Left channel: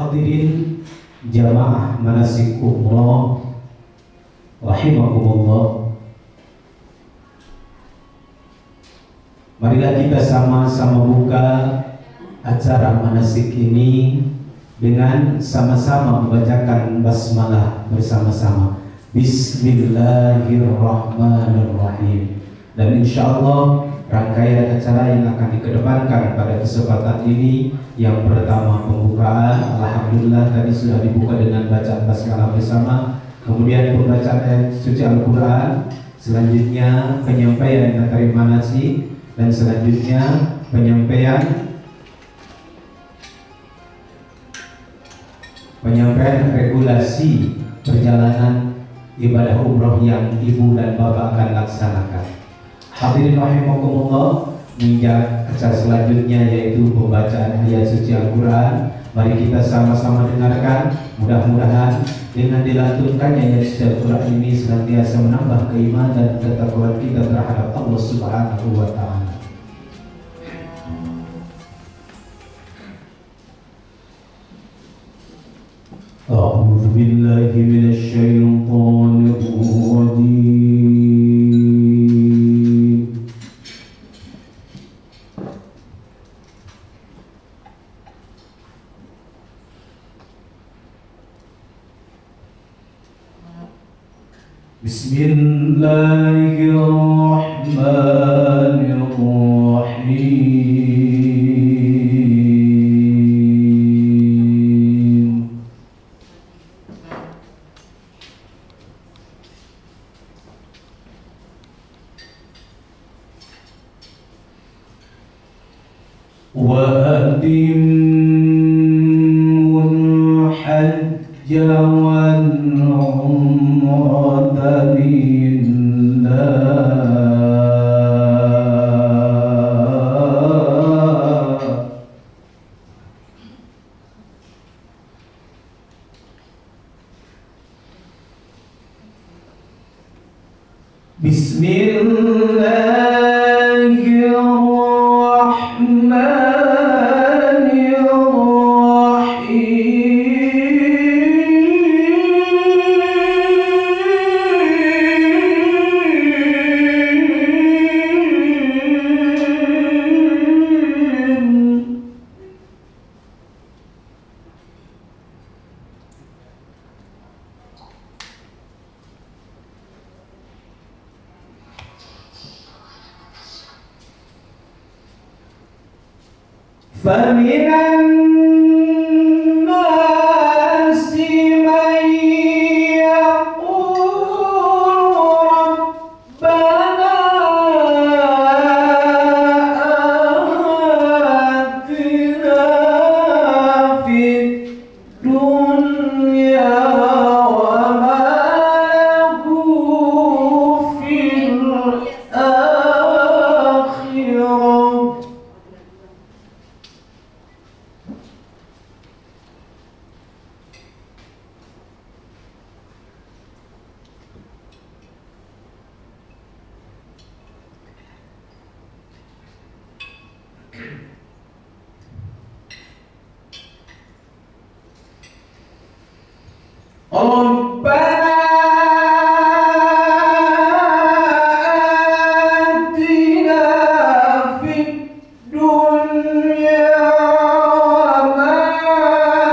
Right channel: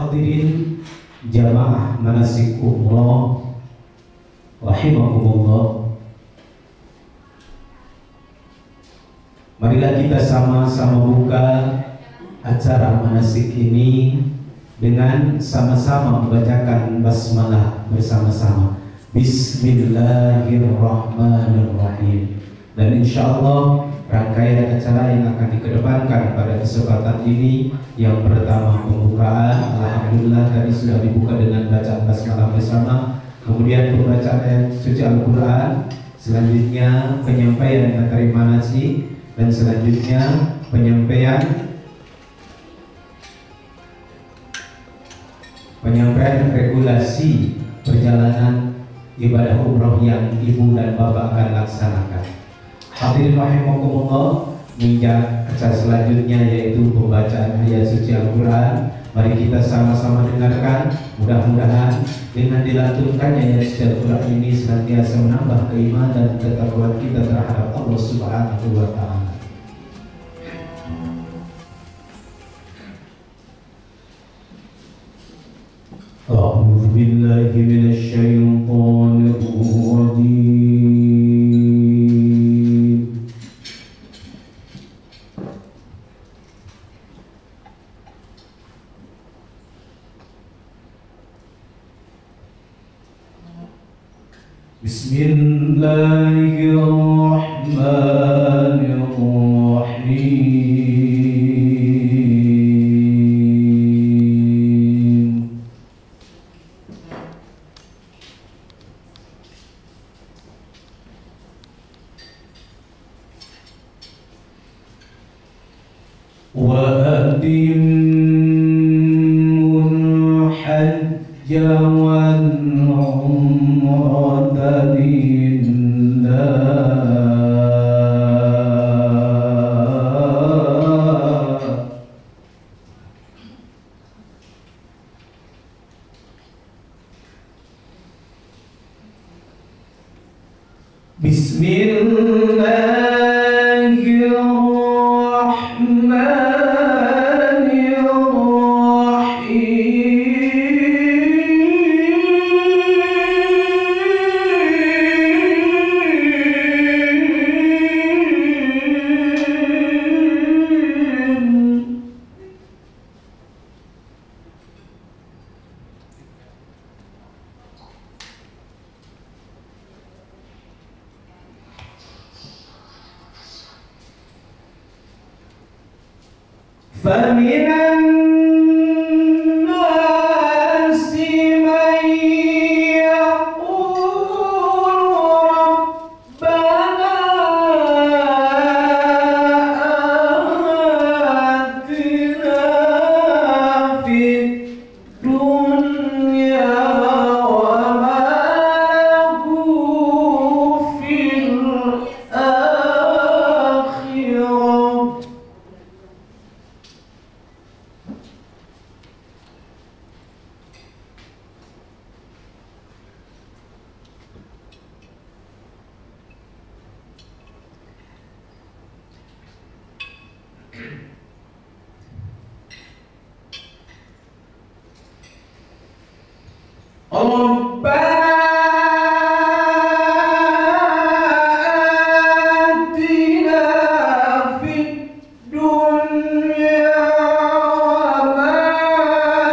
Hadirin jamaah manasik umrah rahimakumullah. Marilah kita sama-sama buka acara manasik ini dengan sama-sama membacakan basmalah bersama-sama. Bismillahirrahmanirrahim. Dan insyaallah rangkaian acara yang akan dikedepankan pada kesempatan ini, yang pertama pembukaan, alhamdulillah tadi sudah dibuka dengan bacaan basmalah bersama, kemudian pembacaan ayat suci Al-Quran, selanjutnya penyampaian materi manasik, dan selanjutnya penyampaian regulasi perjalanan ibadah umroh yang ibu dan bapak akan laksanakan. Hadirin rahimakumullah, menginjak acara selanjutnya yaitu pembacaan ayat suci Al-Quran. Mari kita sama-sama dengarkan. Mudah-mudahan dengan dilantunkannya ayat suci Al-Quran ini senantiasa menambah keimanan dan ketakwaan kita terhadap Allah Subhanahu wa Ta'ala. A'udzu billahi minasy syaithanir rajim. Bismillahirrahmanirrahim. Wa atimul hajja wal umrata lillah. فمن الناس من يقول ربنا آتنا في الدنيا وما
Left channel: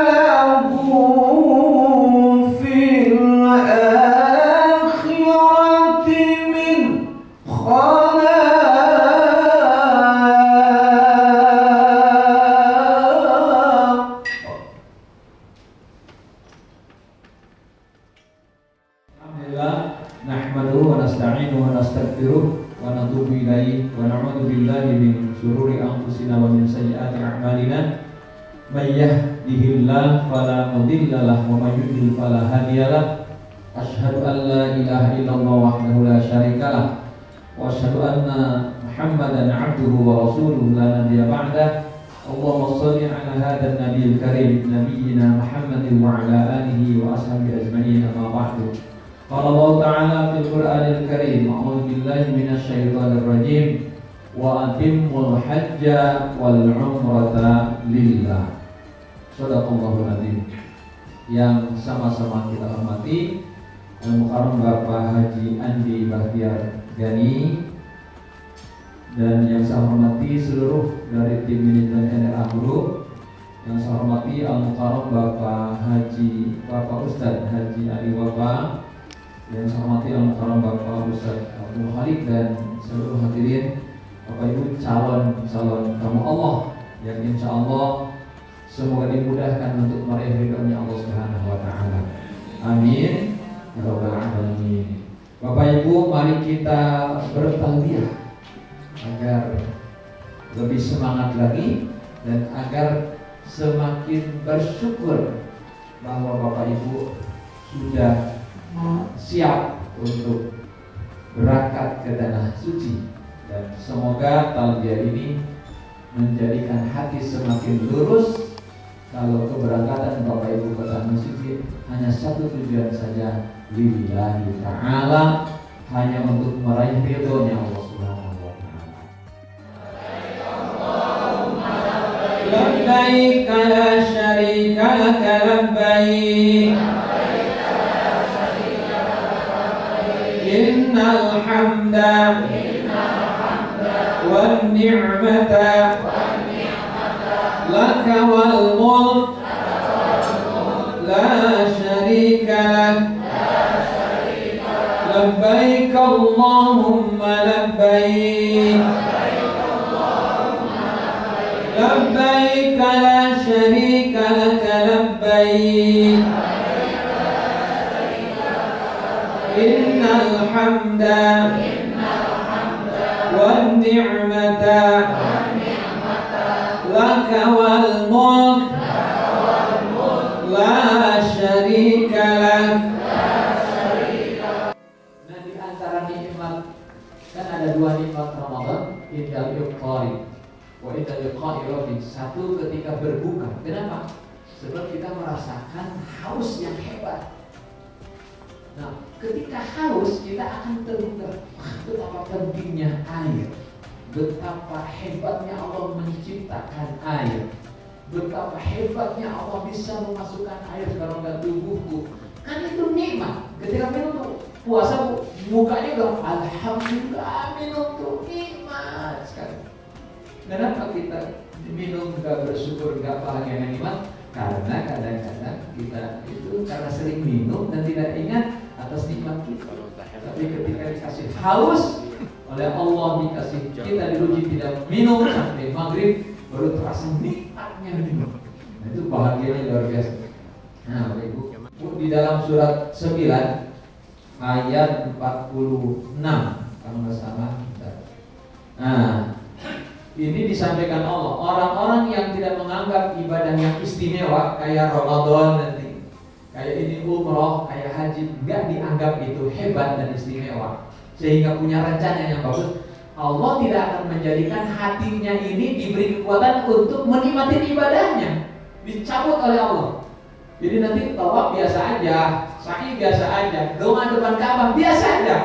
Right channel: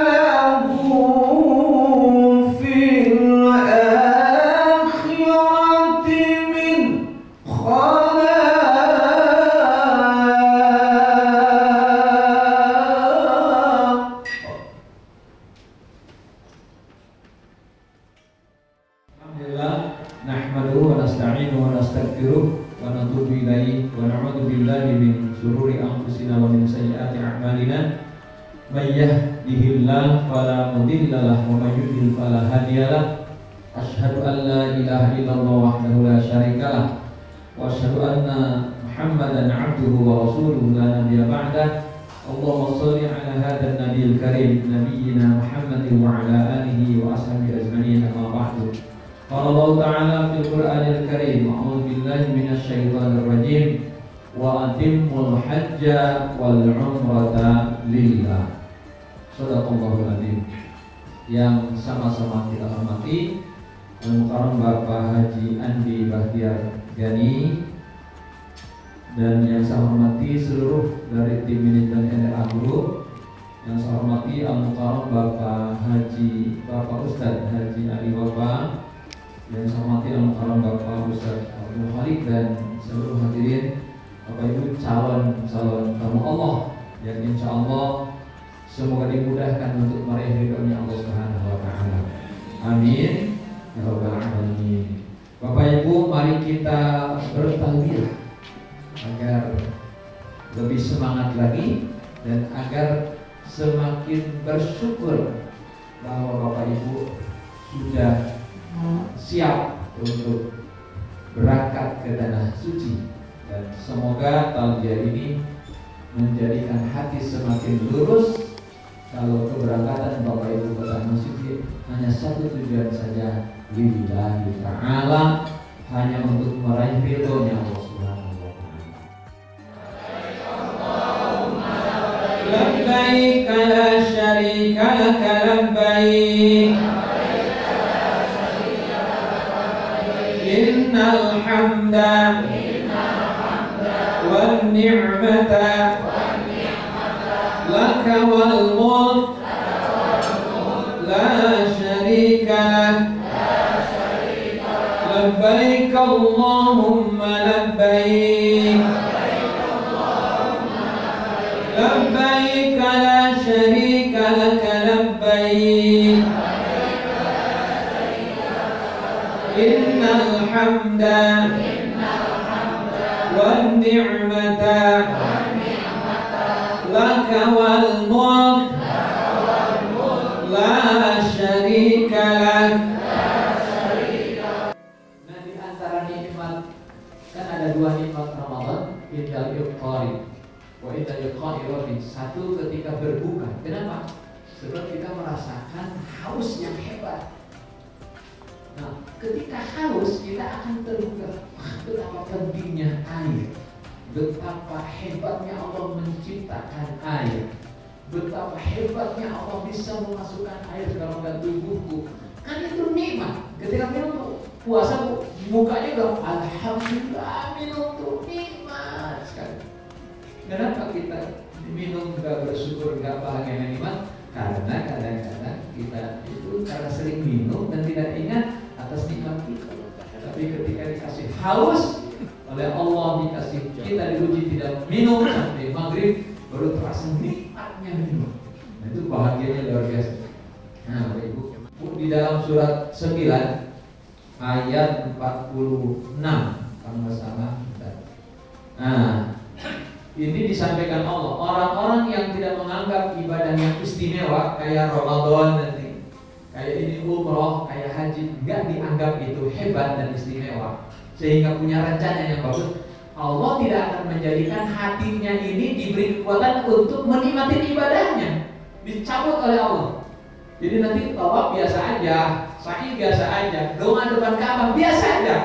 له في الآخرة. Nahmaduhu wa nasta'inuhu wa nastaghfiruh wa natubu ilaihi wa na'udzu billahi min shururi anfusina wa min sayyiati a'malina. May yahdihillahu fala mudilla lahu wa may yudlil fala hadiya lahu. Asyhadu an la ilaha illallah wahdahu la syarika lah wa asyhadu anna Muhammadan 'abduhu wa rasuluhu la nabiyya ba'dah. Allahumma shalli ala hadzal nabiyil karim nabiyyina Muhammadin wa ala alihi wa ashabihi ajma'in, amma ba'du. Qala Allah Ta'ala fil Qur'anil Karim, a'udzu billahi minasy syaithanir rajim, wa atimmul hajja wal umrata lillah. Shadaqallahul Adzim. Yang sama-sama kita hormati Al-Mukarram Bapak Haji Andi Bahtiar Gani, dan yang saya hormati seluruh dari tim manajemen NRA Group. Yang saya hormati Al-Mukarram Bapak Ustadz Haji Ali Wafa. Yang saya hormati Al-Mukarram Bapak Ustadz Abdul Khalid dan seluruh hadirin Bapak Ibu calon tamu Allah yang insya Allah semoga dimudahkan untuk meraih ridhonya Allah Subhanahu wa Ta'ala. Amin ya rabbal alamin. Bapak Ibu, mari kita bertalbiyah agar lebih semangat lagi dan agar semakin bersyukur bahwa Bapak Ibu sudah siap untuk berangkat ke tanah suci, dan semoga talbiyah ini menjadikan hati semakin lurus. Kalau keberangkatan Bapak Ibu ke tanah suci hanya satu tujuan saja, lillahi ta'ala, hanya untuk meraih ridhonya Allah Subhanahu wa Ta'ala. Labbaik la syarika laka labbaik, innal hamda wan ni'mata laka wal mulk la syarika lak, labbaik Allahumma labbaik, labbaik la syarika laka labbaik, innal hamda wan ni'mata laka wal mulk la syarika lak. Nah, di antara nikmat kan ada dua nikmat Ramadan, indal iqari wa indal iqari. Satu ketika berbuka. Kenapa? Sebab kita merasakan haus yang hebat. Nah, ketika haus kita akan terbuka. Betapa pentingnya air, betapa hebatnya Allah menciptakan air, betapa hebatnya Allah bisa memasukkan air ke dalam tubuhku. Kan itu nikmat. Ketika minum puasa, mukanya udah alhamdulillah, minum tuh nikmat sekali. Kenapa kita minum gak bersyukur, gak bahagia nikmat? Karena kadang-kadang kita itu karena sering minum dan tidak ingat atas nikmat kita. Tapi ketika dikasih haus oleh Allah, dikasih kita diuji tidak minum sampai maghrib, baru terasa nikmatnya minum. Nah, itu bahagianya luar biasa. Nah, Bapak Ibu, di dalam surat 9 ayat 46 kalau nggak salah. Nah, ini disampaikan Allah, orang-orang yang tidak menganggap ibadah yang istimewa kayak Ramadan nanti, kayak ini umroh, kayak haji, nggak dianggap itu hebat dan istimewa, sehingga punya rencana yang bagus. Allah tidak akan menjadikan hatinya ini diberi kekuatan untuk menikmati ibadahnya, dicabut oleh Allah. Jadi nanti tawaf biasa aja, sa'i biasa aja, doa depan Ka'bah biasa aja.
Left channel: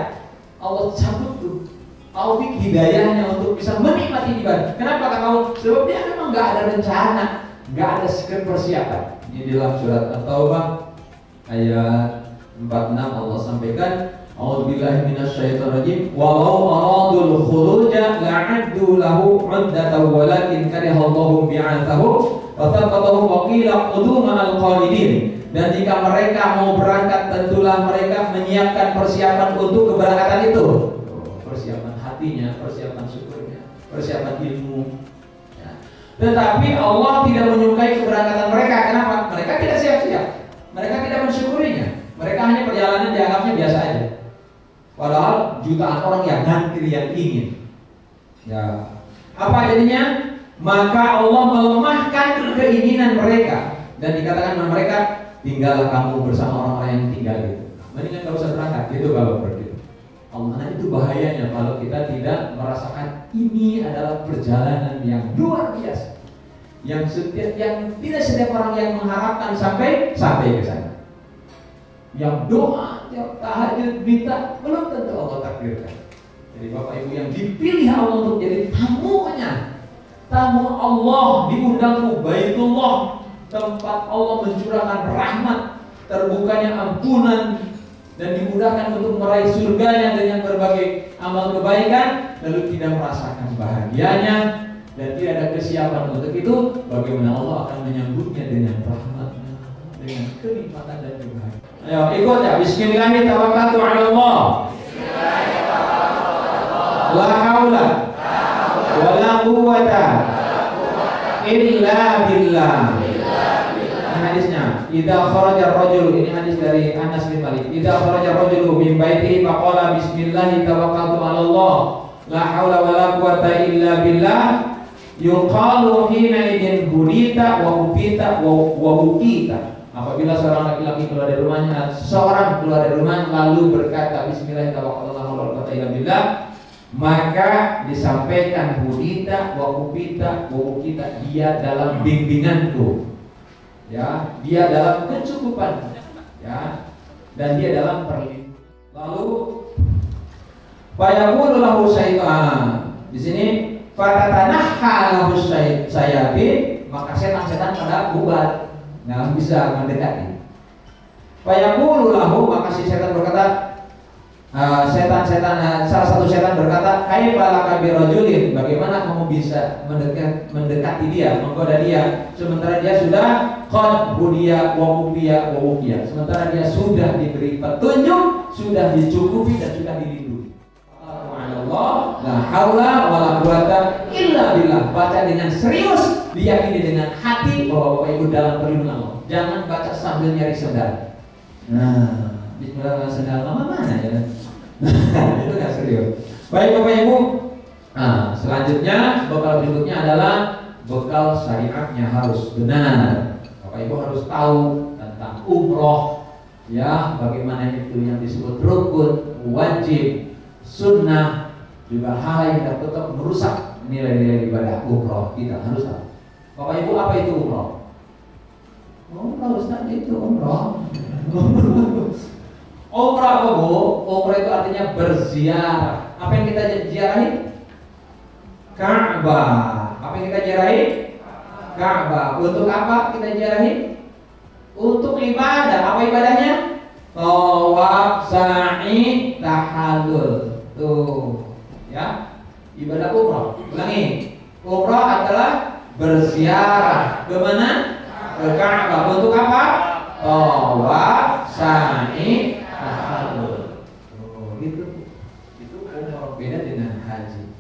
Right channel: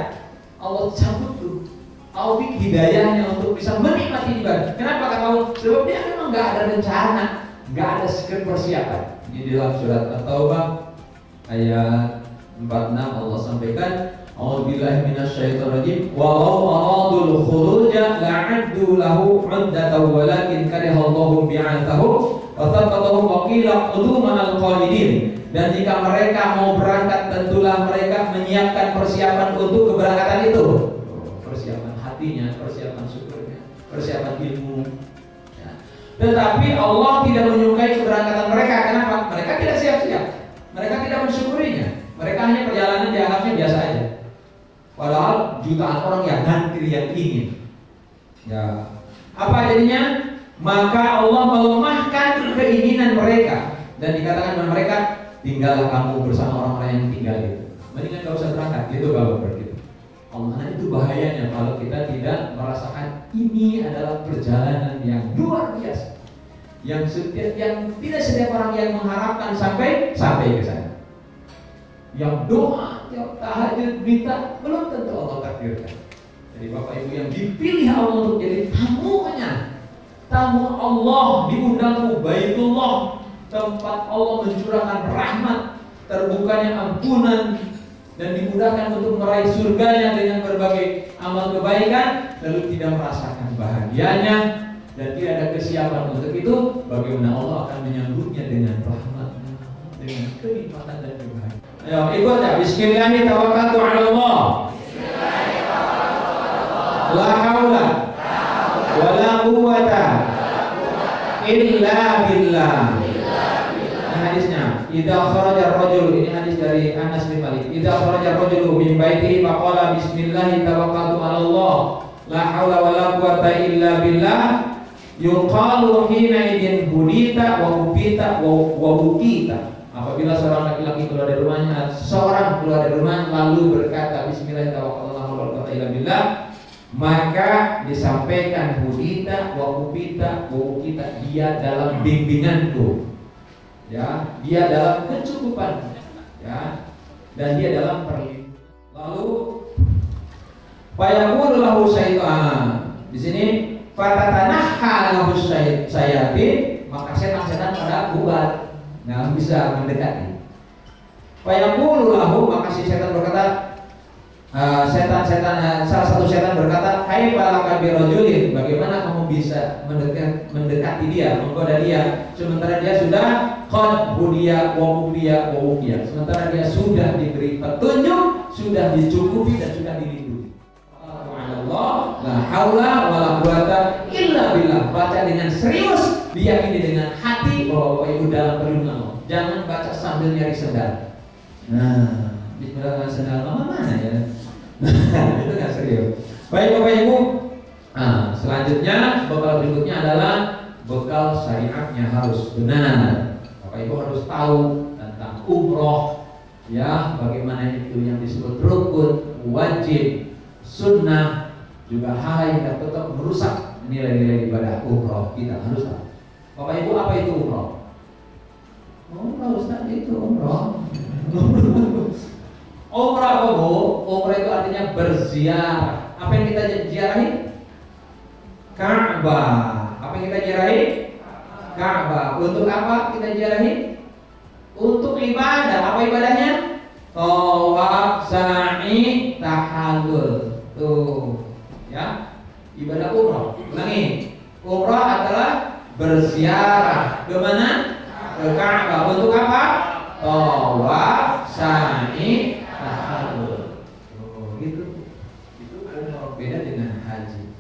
Allah cabut tuh taufik hidayahnya untuk bisa menikmati ibadah. Kenapa kata Allah? Sebab dia memang nggak ada rencana, nggak ada persiapan. Ini di dalam surat At-Taubah ayat 46 Allah sampaikan, A'udzubillahi minasyaitonirrajim, walau aradul khuruja la'addu lahu 'uddatan walakin karihallahu bi'atsahu wa thabbatahu wa qila qudu ma'al qalidin. Dan jika mereka mau berangkat, tentulah mereka menyiapkan persiapan untuk keberangkatan itu. Persiapan hatinya, persiapan syukurnya, persiapan ilmu ya. Tetapi Allah tidak menyukai keberangkatan mereka. Kenapa? Mereka tidak siap-siap, mereka tidak mensyukurinya. Mereka hanya perjalanan dianggapnya biasa aja, padahal jutaan orang yang ngantri, yang ingin ya. Apa jadinya? Maka Allah melemahkan keinginan mereka dan dikatakan mereka, tinggallah kamu bersama orang-orang yang tinggal itu, mendingan gak usah berangkat gitu kalau begitu. Allah, itu bahayanya kalau kita tidak merasakan ini adalah perjalanan yang luar biasa, yang tidak setiap orang yang mengharapkan sampai ke sana, yang doa tiap tahajud minta belum tentu Allah takdirkan. Jadi Bapak Ibu yang dipilih Allah untuk jadi tamunya, tamu Allah, diundang ke Baitullah, tempat Allah mencurahkan rahmat, terbukanya ampunan, dan dimudahkan untuk meraih surganya dengan berbagai amal kebaikan, lalu tidak merasakan bahagianya dan tidak ada kesiapan untuk itu, bagaimana Allah akan menyambutnya dengan rahmatnya, dengan kenikmatan dan kebahagiaan. Ayo ikut ya. Bismillahirrahmanirrahim. Tawakkaltu 'ala Allah. La haula wa la quwwata illa billah. Ini hadisnya. Idza kharaja ar-rajul, ini hadis dari Anas bin Malik. Idza kharaja ar-rajulu min baitihi faqala bismillah tawakkaltu 'ala Allah. La haula wa la quwwata illa billah. Yuqalu hina idin hudita wa upita wa ukita. Apabila seorang laki-laki keluar dari rumahnya, seorang keluar dari rumah lalu berkata bismillah tawakkaltu 'ala Allah wa la quwwata illa billah, maka disampaikan hudita wa upita wa ukita, dia dalam bimbinganku, ya, dia dalam kecukupan, ya, dan dia dalam perlindungan. Lalu fayaqulu lahu syaitan, di sini fatatanahha lahu syayatin, maka setan-setan pada bubar, nggak bisa mendekati. Fayaqulu lahu, maka si setan berkata, salah satu setan berkata, hai balaka birajulin, bagaimana kamu bisa mendekati dia, menggoda dia, sementara dia sudah qad hudiya wa mufiya wa wufiya, sementara dia sudah diberi petunjuk, sudah dicukupi dan sudah dilindungi. Allah, la haula wa la quwwata illa billah. Baca dengan serius, diyakini dengan hati bahwa Bapak Ibu dalam perlindungan Allah. Jangan baca sambil nyari sendal. Nah, bismillah, sendal mama mana ya? Itu nggak serius. Baik Bapak Ibu. Nah, selanjutnya bekal berikutnya adalah bekal syariatnya harus benar. Bapak Ibu harus tahu tentang umroh, ya, bagaimana itu yang disebut rukun, wajib, sunnah, juga hal yang dapat merusak nilai-nilai ibadah umroh. Kita harus tahu. Bapak Ibu, apa itu umroh? Umroh Ustaz, itu umroh. Umrah apa Bu? Umrah itu artinya berziarah. Apa yang kita ziarahi? Ka'bah. Apa yang kita ziarahi? Ka'bah. Untuk apa kita ziarahi? Untuk ibadah. Apa ibadahnya? Tawaf, sa'i, tahallul. Tuh, ya. Ibadah umrah. Ulangi. Umrah adalah berziarah. Ke mana? Ke Ka'bah. Untuk apa? Tawaf, sa'i, tahallul. Oh, gitu. Itu umrah, beda dengan haji.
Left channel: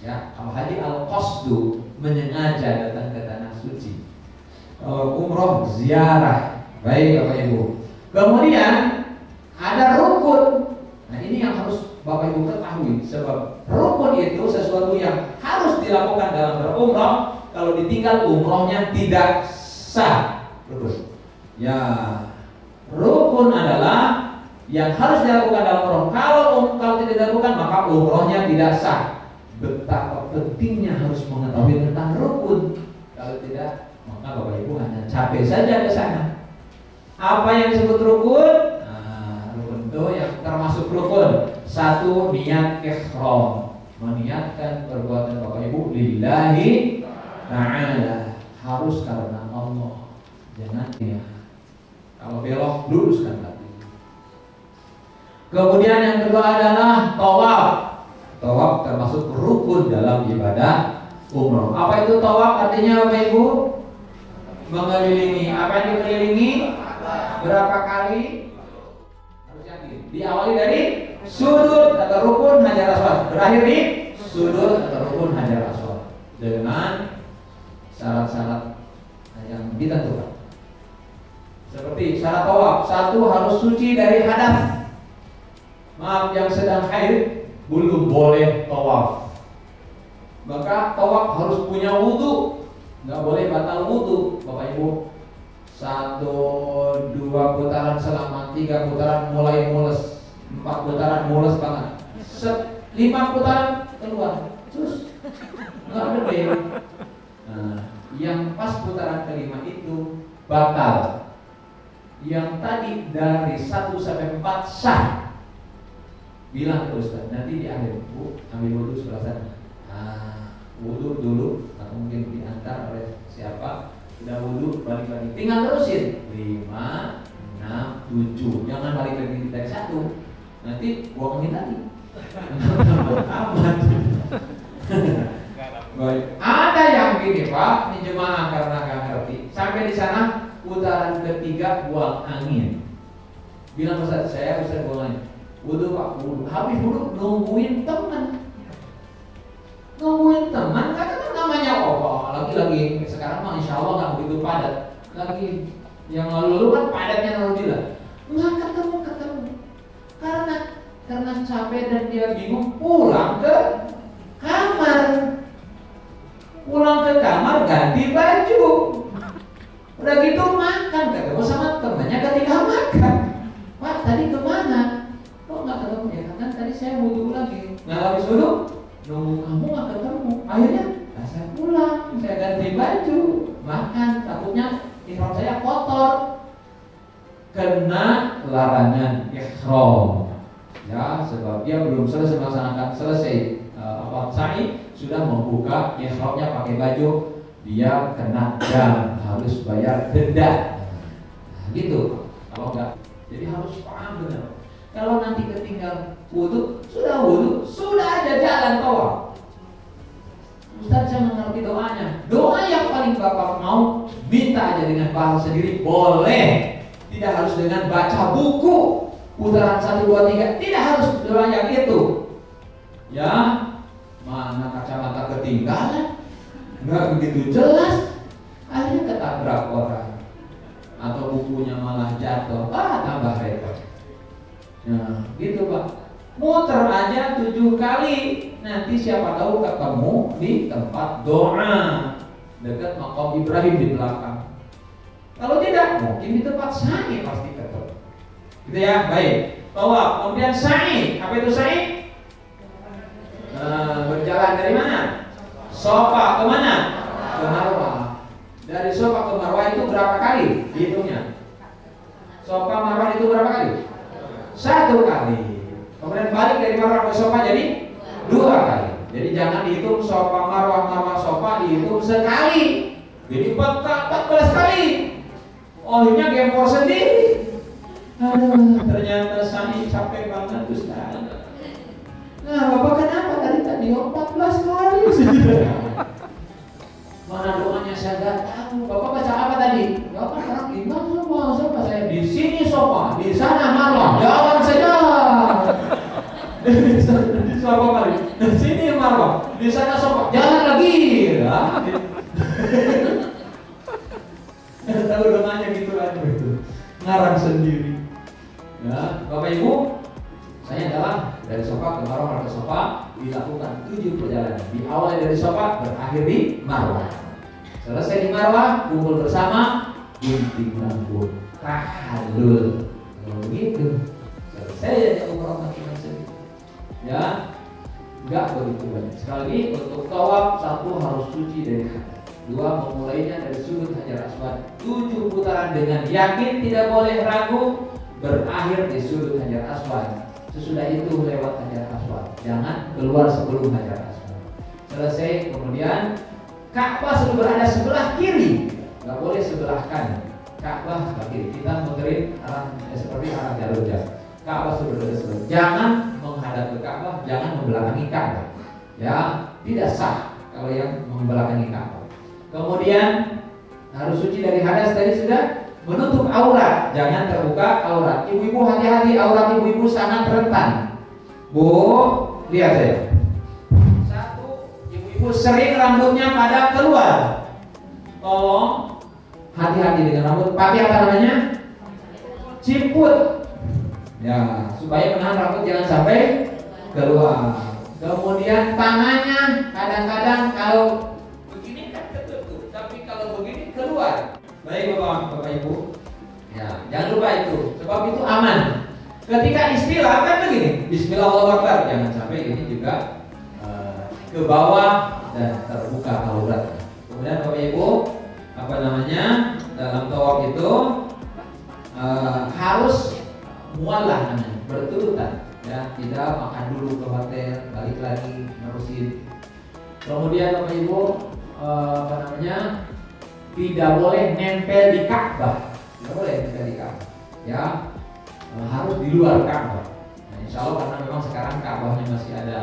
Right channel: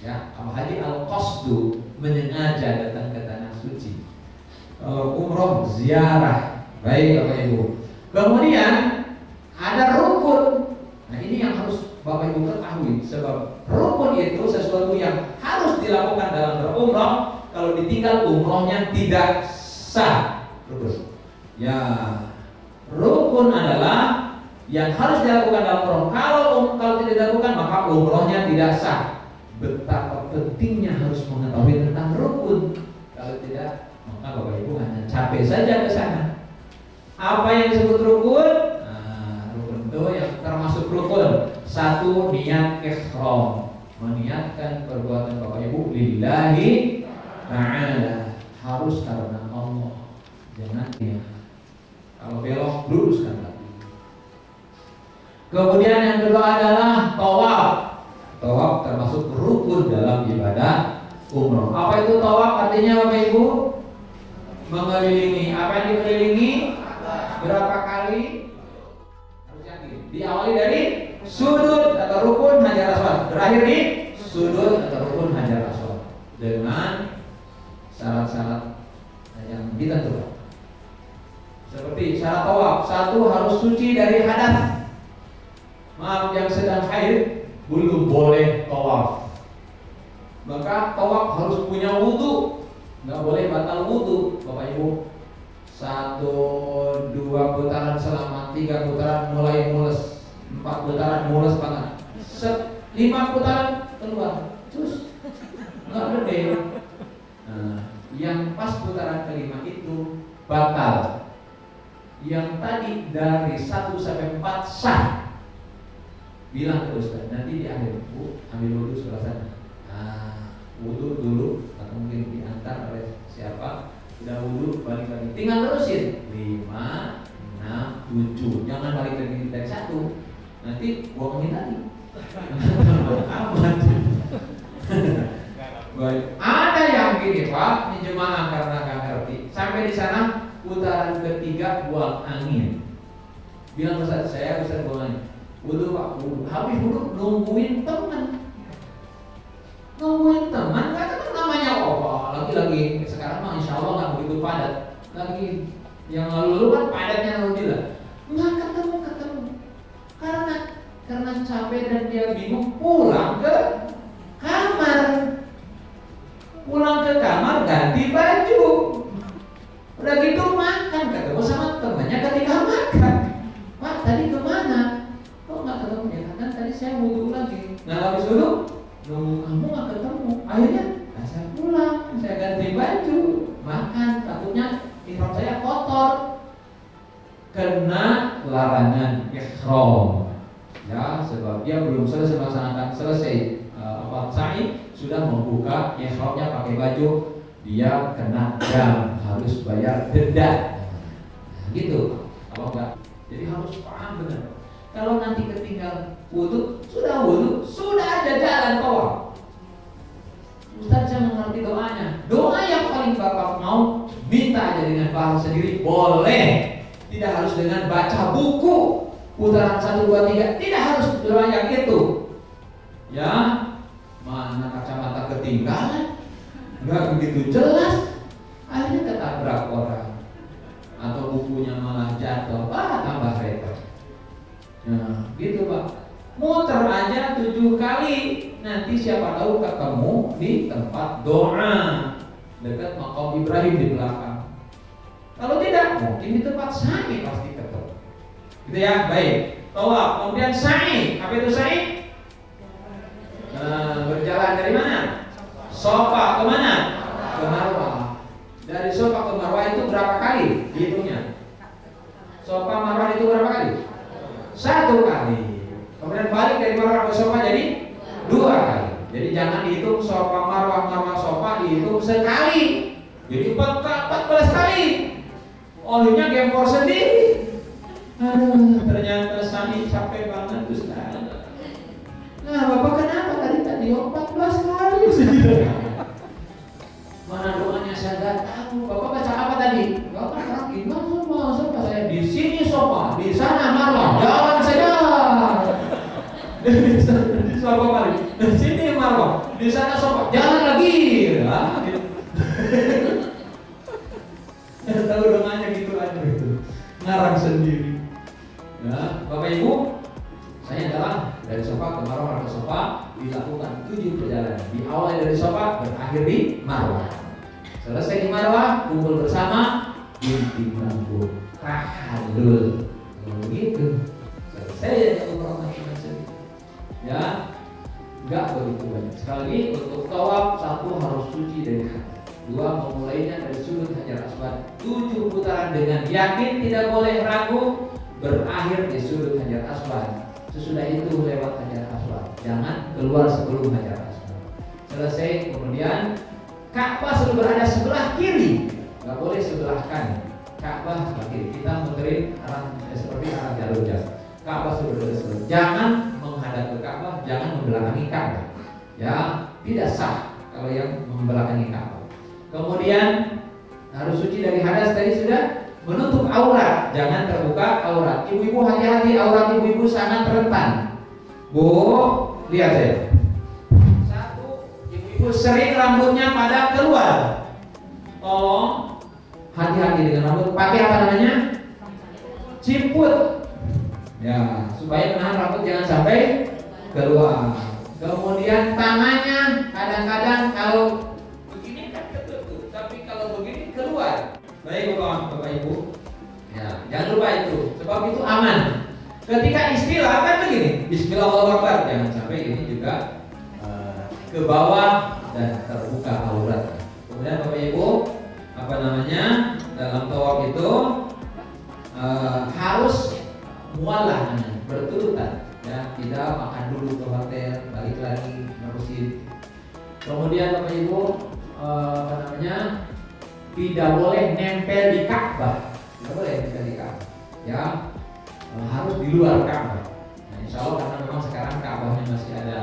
Ya, kalau haji al-qasdu, menyengaja datang ke tanah suci. Kalau umrah ziarah. Baik Bapak Ibu. Kemudian ada rukun. Nah, ini yang harus Bapak Ibu ketahui, sebab rukun itu sesuatu yang harus dilakukan dalam berumrah. Kalau ditinggal umrohnya tidak sah. Rukun. Ya, rukun adalah yang harus dilakukan dalam umroh. Kalau tidak dilakukan maka umrohnya tidak sah. Betapa pentingnya harus mengetahui tentang rukun. Kalau tidak, maka Bapak Ibu hanya capek saja ke sana. Apa yang disebut rukun? Nah, rukun itu yang termasuk rukun. Satu, niat ihram, meniatkan perbuatan Bapak Ibu lillahi ta'ala, harus karena Allah. Jangan ya. Kalau belok, luruskan lagi. Kemudian yang kedua adalah tawaf. Tawaf termasuk rukun dalam ibadah umroh. Apa itu tawaf? Artinya Bapak Ibu mengelilingi. Apa yang dikelilingi? Berapa kali? Harus yakin. Diawali dari sudut atau rukun Hajar Aswad, berakhir di sudut atau rukun Hajar Aswad dengan syarat-syarat yang ditentukan. Seperti syarat tawaf, satu harus suci dari hadas. Maaf, yang sedang haid belum boleh tawaf. Maka tawaf harus punya wudu, nggak boleh batal wudu. Bapak Ibu, 1, 2 putaran selama 3 putaran mulai mules, 4 putaran mules banget, 5 putaran keluar, terus nggak boleh. Nah, yang pas putaran kelima itu batal. Yang tadi dari 1 sampai 4 sah. Bilang ke Ustaz, nanti di akhir, Bu, ambil wudhu sebelah sana. Nah, wudhu dulu, atau mungkin diantar oleh siapa, Udah wudhu, balik lagi. Tinggal terusin 5, 6, 7. Jangan balik lagi dari 1. Nanti buangin lagi. Amat. Ada yang gini Pak, ini jemaah karena nggak ngerti. Sampai di sana putaran ketiga buang angin. Bilang Ustaz, saya Ustaz buang angin. Wudhu Pak, wudhu. Habis wudhu nungguin teman. Nungguin teman, kata namanya lagi sekarang mah insya Allah nggak begitu padat. Lagi yang lalu kan padatnya alhamdulillah. Nggak ketemu. Karena capek dan dia bingung, pulang ke kamar. Pulang ke kamar ganti baju. Udah gitu makan, ketemu sama temannya ketika makan. Pak tadi kemana? Kok nggak ketemu? Ya kan tadi saya wudhu lagi. Nah habis wudhu nunggu kamu nggak ketemu. Akhirnya saya pulang, saya ganti baju, makan. Takutnya ihram saya kotor, kena larangan ihram. Ya sebab dia belum selesai melaksanakan sa'i, sudah membuka ihramnya pakai baju, dia kena dam, harus bayar denda. Nah, gitu. Kalau enggak, jadi harus paham benar. Kalau nanti ketinggal wudhu, sudah ada jalan tawaf. Ustaz saya mengerti doanya. Doa yang paling Bapak mau minta aja dengan bahasa sendiri boleh. Tidak harus dengan baca buku. Putaran 1, 2, 3 tidak harus doa yang itu. Ya, mana kacamata ketinggalan, nggak begitu jelas, akhirnya ketabrak orang, atau bukunya malah jatuh, tambah repot. Nah, gitu Pak. Muter aja 7 kali, nanti siapa tahu ketemu di tempat doa dekat makam Ibrahim di belakang. Kalau tidak, mungkin di tempat sa'i pasti ketemu. Gitu ya, baik. Tawaf, kemudian sa'i. Apa itu sa'i? Berjalan dari mana? Sofa ke mana? Ke Marwah. Dari Sofa ke Marwah itu berapa kali? Hitungnya. Sofa Marwah itu berapa kali? 1 kali. Kemudian balik dari Marwah ke Sofa jadi 2 kali. Jadi jangan dihitung Sofa Marwah Sofa, dihitung sekali. Jadi 14 kali. Olehnya gempor sendiri. Aduh, ternyata sa'i capek banget Ustaz. Nah, Bapak kenapa tadi 14 kali sih? Mana doanya saya nggak tahu. Bapak baca apa tadi? Bapak sekarang gimana sofa saya di sini sofa, di sana Marwah, jalan saja. Di sofa balik, di sini Marwah, di sana sofa, jalan lagi. Tahu doanya gitu aja gitu. Ngarang sendiri. Ya, Bapak Ibu, saya adalah dari Sofa ke Marwah ke Sofa dilakukan 7 perjalanan. Diawali dari Sofa, berakhir di Marwah. Selesai di Marwah, kumpul bersama, gunting rambut, tahallul. Kalau begitu, selesai ya umrah masing-masing. Ya, enggak begitu banyak. Sekali lagi untuk tawaf 1 harus suci dari hadas. 2 memulainya dari sudut Hajar Aswad. 7 putaran dengan yakin, tidak boleh ragu. Berakhir di sudut Hajar Aswad. Sesudah itu lewat Hajar Aswad. Jangan keluar sebelum Hajar Aswad. Selesai, kemudian Ka'bah sudah berada sebelah kiri, nggak boleh sebelah kanan. Ka'bah sebelah kiri. Kita muterin seperti arah jalur jalan. Ka'bah sudah berada sebelah. Jangan menghadap ke Ka'bah, jangan membelakangi Ka'bah. Ya, tidak sah kalau yang membelakangi Ka'bah. Kemudian harus suci dari hadas tadi sudah. Menutup aurat, jangan terbuka aurat. Ibu-ibu hati-hati, aurat ibu-ibu sangat rentan. Bu, lihat saya. 1, ibu-ibu sering rambutnya pada keluar. Tolong hati-hati dengan rambut. Pakai apa namanya? Ciput. Ya, supaya menahan rambut jangan sampai keluar. Kemudian tangannya kadang-kadang kalau begini kan ketutup, tapi kalau begini keluar. Baik Bapak Ibu, ya jangan lupa itu, sebab itu aman. Ketika istilah kan begini, Bismillahirrahmanirrahim, jangan sampai ini juga ke bawah dan terbuka aurat. Kemudian Bapak Ibu, dalam tawaf itu harus mualah namanya, berturutan, ya tidak makan dulu ke hotel, balik lagi nerusin. Kemudian Bapak Ibu tidak boleh nempel di Ka'bah. Tidak boleh nempel di Ka'bah. Ya, harus di luar Ka'bah. Nah, insya Allah karena memang sekarang Ka'bahnya masih ada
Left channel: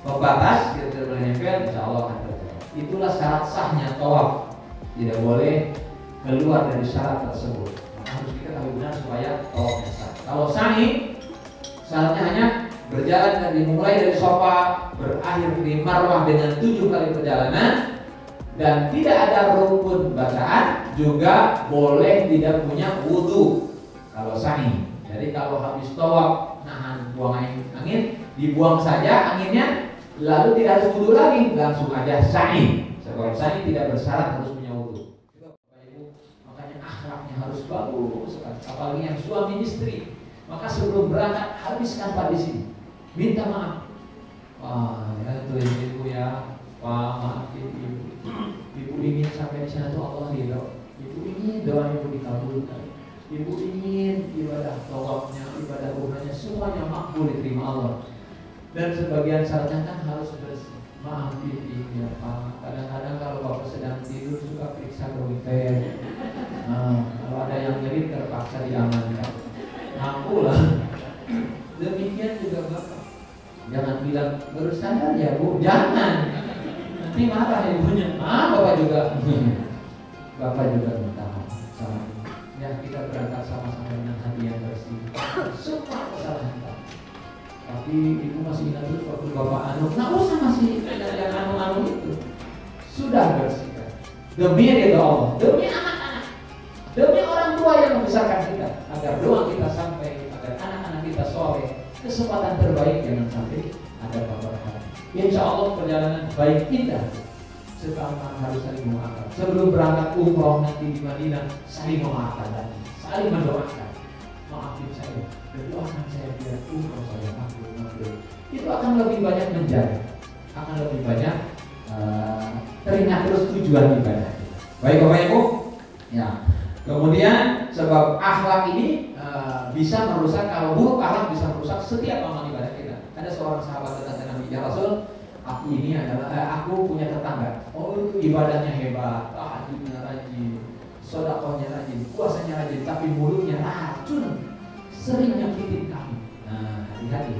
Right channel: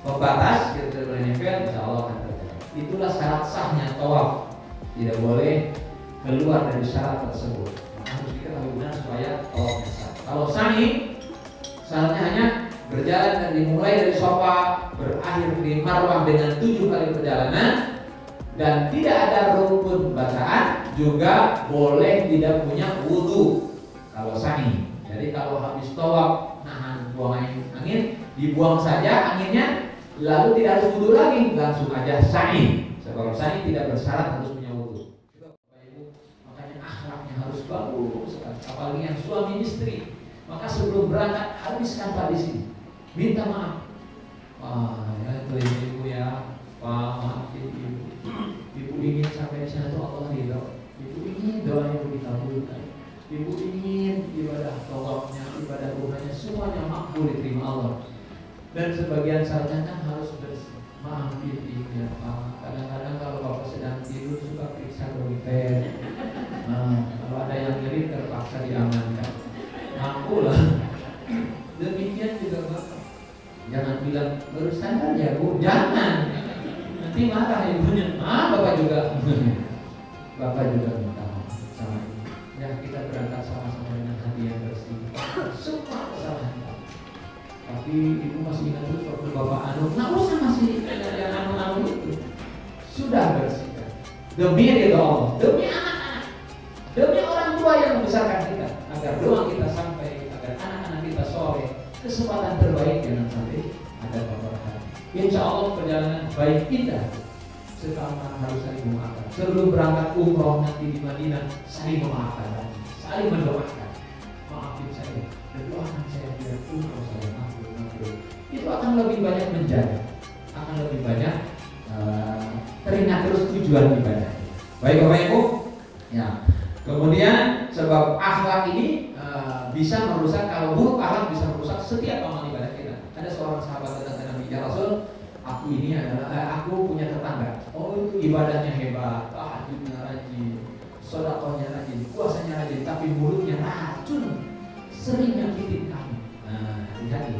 pembatas, kita tidak boleh nempel, insya Allah akan terjadi. Itulah syarat sahnya tawaf. Tidak boleh keluar dari syarat tersebut. Maka harus diketahui benar supaya tawafnya sah. Kalau sa'i, syaratnya hanya berjalan dan dimulai dari Safa, berakhir di Marwah dengan 7 kali perjalanan, dan tidak ada rukun bacaan, juga boleh tidak punya wudhu kalau sa'i. Jadi kalau habis tawaf nahan buang angin, dibuang saja anginnya, lalu tidak harus wudhu lagi, langsung aja sa'i. Sebab sa'i tidak bersyarat harus punya wudhu. Makanya akhlaknya harus bagus, apalagi yang suami istri. Maka sebelum berangkat habiskan Pak di sini, minta maaf. Wah, ya itu ibu ya, Pak maafin ibu. Ibu ingin sampai di sana tuh Allah ridho. Ibu ingin doa ibu dikabulkan. Ibu ingin ibadah tawafnya, ibadah umrahnya semuanya makbul diterima Allah. Dan sebagian syaratnya kan harus bersih. Maafin ibu ya Pak. Kadang-kadang kalau Bapak sedang tidur suka periksa Gomiper. Nah, kalau ada yang nyeri terpaksa diamankan. Aku lah. Demikian juga Bapak. Jangan bilang baru sadar ya Bu. Jangan. Nanti marah ibunya. Bapak juga. Bapak juga minta maaf sama ibu. Ya kita berangkat sama-sama dengan hati yang bersih. Semua kesalahan kita. Tapi ibu masih ingat terus waktu Bapak anu. Nggak usah masih yang anu-anu itu. Sudah bersihkan. Demi ridho Allah. Demi anak-anak. Demi orang tua yang membesarkan kita. Agar doa kita sampai, agar anak-anak kita soleh. Kesempatan terbaik jangan sampai ada peperangan. Insya Allah perjalanan baik indah. Sekarang harus saling memaafkan. Sebelum berangkat umroh nanti di Madinah, saling memaafkan lagi, saling mendoakan. Maafin saya, doakan saya biar umroh saya makbul. Itu akan lebih banyak menjaga, akan lebih banyak teringat terus tujuan ibadah. Baik Bapak Ibu, ya. Kemudian sebab akhlak ini bisa merusak, kalau buruk akhlak bisa merusak setiap amal ibadah kita. Ada seorang sahabat datang ke Nabi, ya Rasul, aku ini adalah aku punya tetangga. Oh itu ibadahnya hebat, tahajudnya rajin, sedekahnya rajin, puasanya rajin, tapi mulutnya racun, sering nyakitin kami. Nah hati-hati.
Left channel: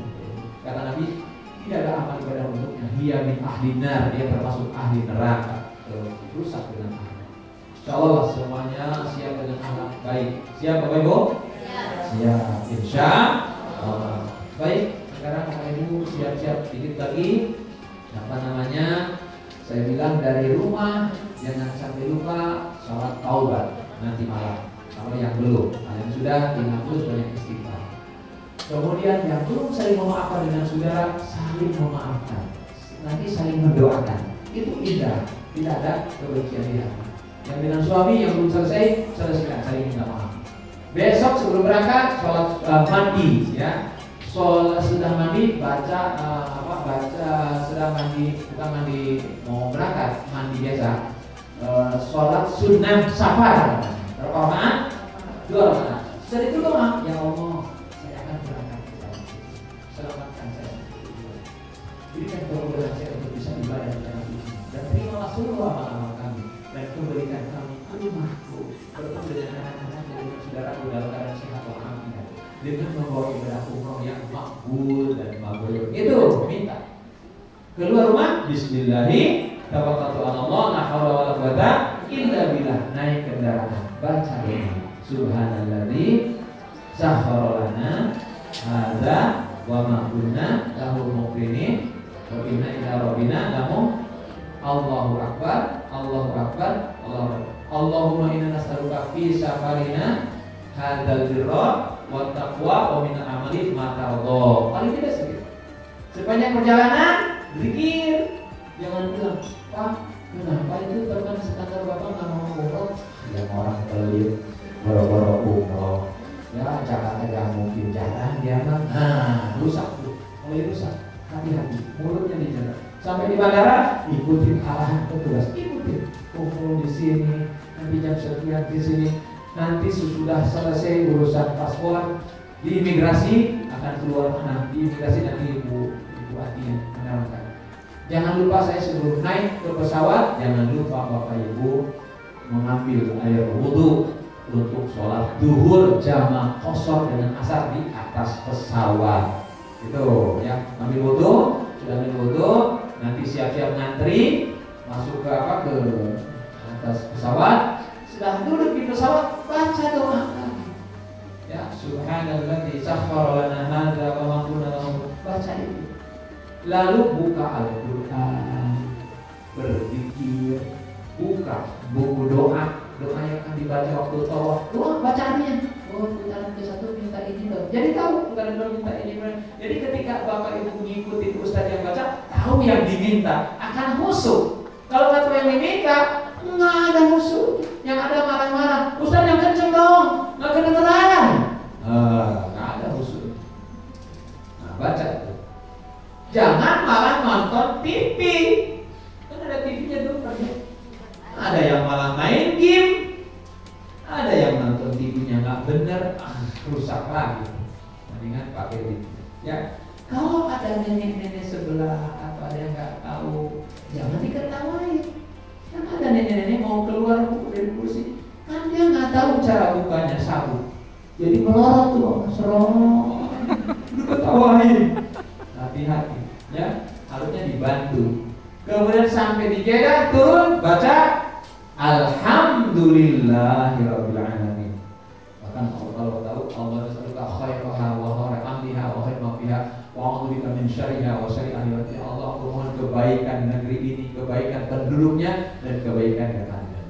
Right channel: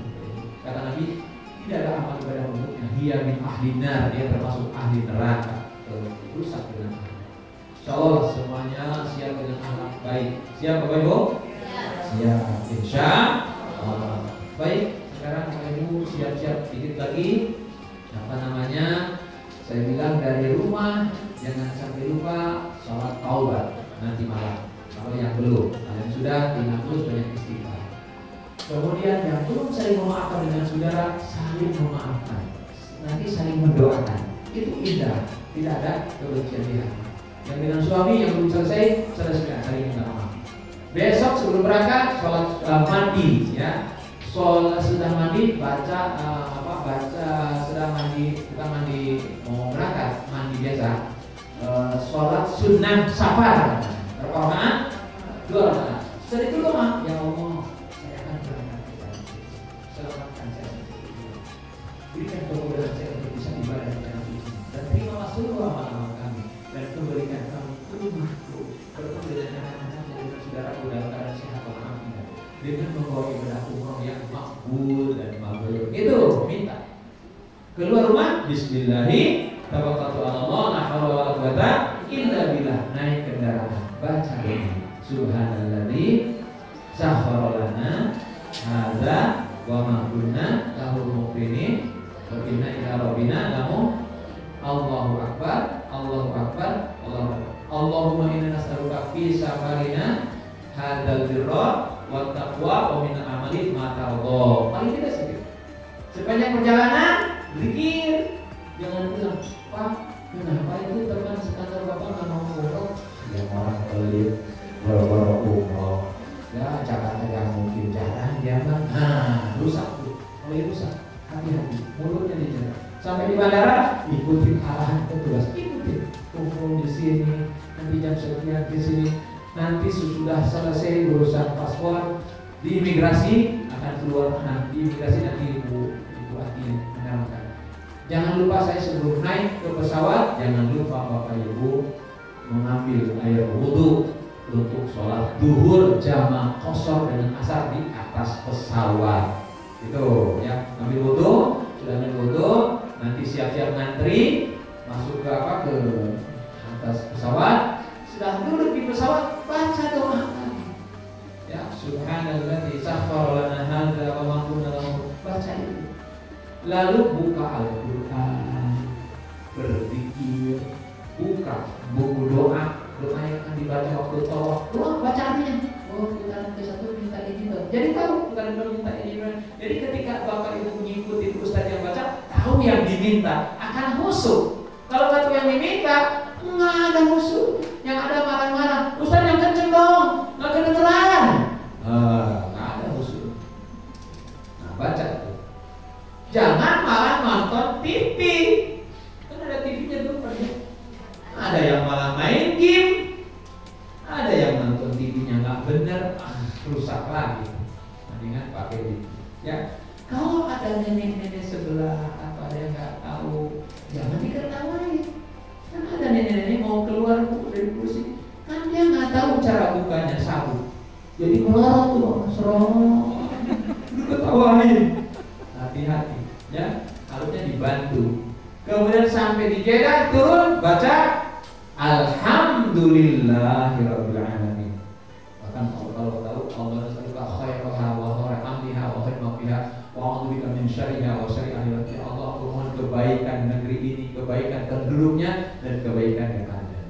Kata Nabi, tidak ada amal ibadah untuknya. Dia min ahli nar, dia termasuk ahli neraka. Rusak dengan akhlak. Insyaallah semuanya siap dengan akhlak baik. Siap Bapak Ibu? Siap. Insya Allah. Baik. Sekarang Bapak Ibu siap-siap sedikit lagi. Apa namanya? Saya bilang dari rumah jangan sampai lupa sholat taubat nanti malam. Kalau yang belum, kalian sudah tinggal terus banyak istighfar. Kemudian yang belum saling memaafkan dengan saudara, saling memaafkan. Nanti saling mendoakan. Itu indah. Tidak ada kebencian di hati. Yang dengan suami yang belum selesai, selesaikan saling minta maaf. Besok sebelum berangkat sholat mandi ya. Sudah mandi baca sudah mandi, bukan mandi mau berangkat, mandi biasa. Sholat sunnah safar. Berapa rakaat? 2 rakaat. Setelah itu doa, ya Allah, saya akan berangkat. Selamatkan saya. Berikan kemudahan saya untuk bisa ibadah di tanah suci dan terimalah seluruh amal-amal kami dan kembalikan kami ke rumahku bertemu dengan anak-anak dan dengan saudaraku dalam keadaan sehat walafiat dengan membawa ibadah umroh yang makbul dan mabrur. Itu minta. Keluar rumah, bismillahi tawakkaltu 'ala Allah, la haula wala quwata illa billah. Naik kendaraan, baca doa. Subhanalladzi sakhkhara lana hadza wa ma kunna lahu muqrinin wa inna ila rabbina lamunqalibun. Allahu akbar, Allahu akbar, Allahu akbar. Allahumma inna nas'aluka fi safarina hadzal birra wa taqwa wa min amali ma tardha. Paling tidak sedikit. Sepanjang perjalanan zikir. Jangan bilang, Pak, kenapa itu teman sekantor Bapak nggak mau umroh? Yang orang pelit, boro-boro umroh. Ya, Jakarta nggak mungkin jalan dia bang. Nah, rusak tuh. Mulai rusak. Hati-hati, mulutnya dijaga. Sampai di bandara, ikutin arahan petugas, ikutin. Kumpul di sini, nanti jam sekian di sini. Nanti sesudah selesai urusan paspor di imigrasi akan keluar mana? Di imigrasi nanti ibu hati yang menerangkan. Jangan lupa saya sebelum naik ke pesawat, jangan lupa Bapak Ibu mengambil air wudhu untuk sholat duhur jamaah qashar dengan asar di atas pesawat. Itu ya, ambil wudhu, sudah ambil wudhu, nanti siap-siap ngantri masuk ke atas pesawat. Sudah duduk di pesawat, baca doa lagi. Ya, subhanalladzi sakhkhara lana hadza wa ma kunna lahu, baca itu. Lalu buka Al-Qur'an, berzikir, buka buku doa yang akan dibaca waktu tawaf. Doa baca artinya. Oh, putaran ke-1 minta ini loh. Jadi tahu putaran kedua minta ini. Jadi ketika Bapak Ibu mengikuti ustaz yang baca, tahu yang diminta, akan khusyuk. Kalau nggak tahu yang diminta, nggak ada khusyuk. Yang ada marah-marah. Ustaz yang kenceng dong, nggak kedengeran. Nggak ada khusyuk. Nah, baca itu. Jangan malah nonton TV. Kan ada TV-nya tuh, ada yang malah main game, ada yang nonton TV-nya nggak bener, rusak lagi. Mendingan pakai TV. Ya, kalau ada nenek-nenek sebelah atau ada yang nggak tahu, jangan diketawain. Kan ada nenek-nenek mau keluar dari kursi, kan dia nggak tahu cara bukanya sabuk, jadi melorot tuh, serong, diketawain. Hati-hati, ya, harusnya dibantu. Kemudian sampai di Jeddah turun, baca Alhamdulillahirabbil alamin. Bahkan kalau tahu Allah nasalluka khairaha wa khaira amriha wa khaira ma fiha wa a'udzubika min syarriha wa syarri ahliha. Allah, aku mohon kebaikan negeri ini, kebaikan penduduknya dan kebaikan yang ada.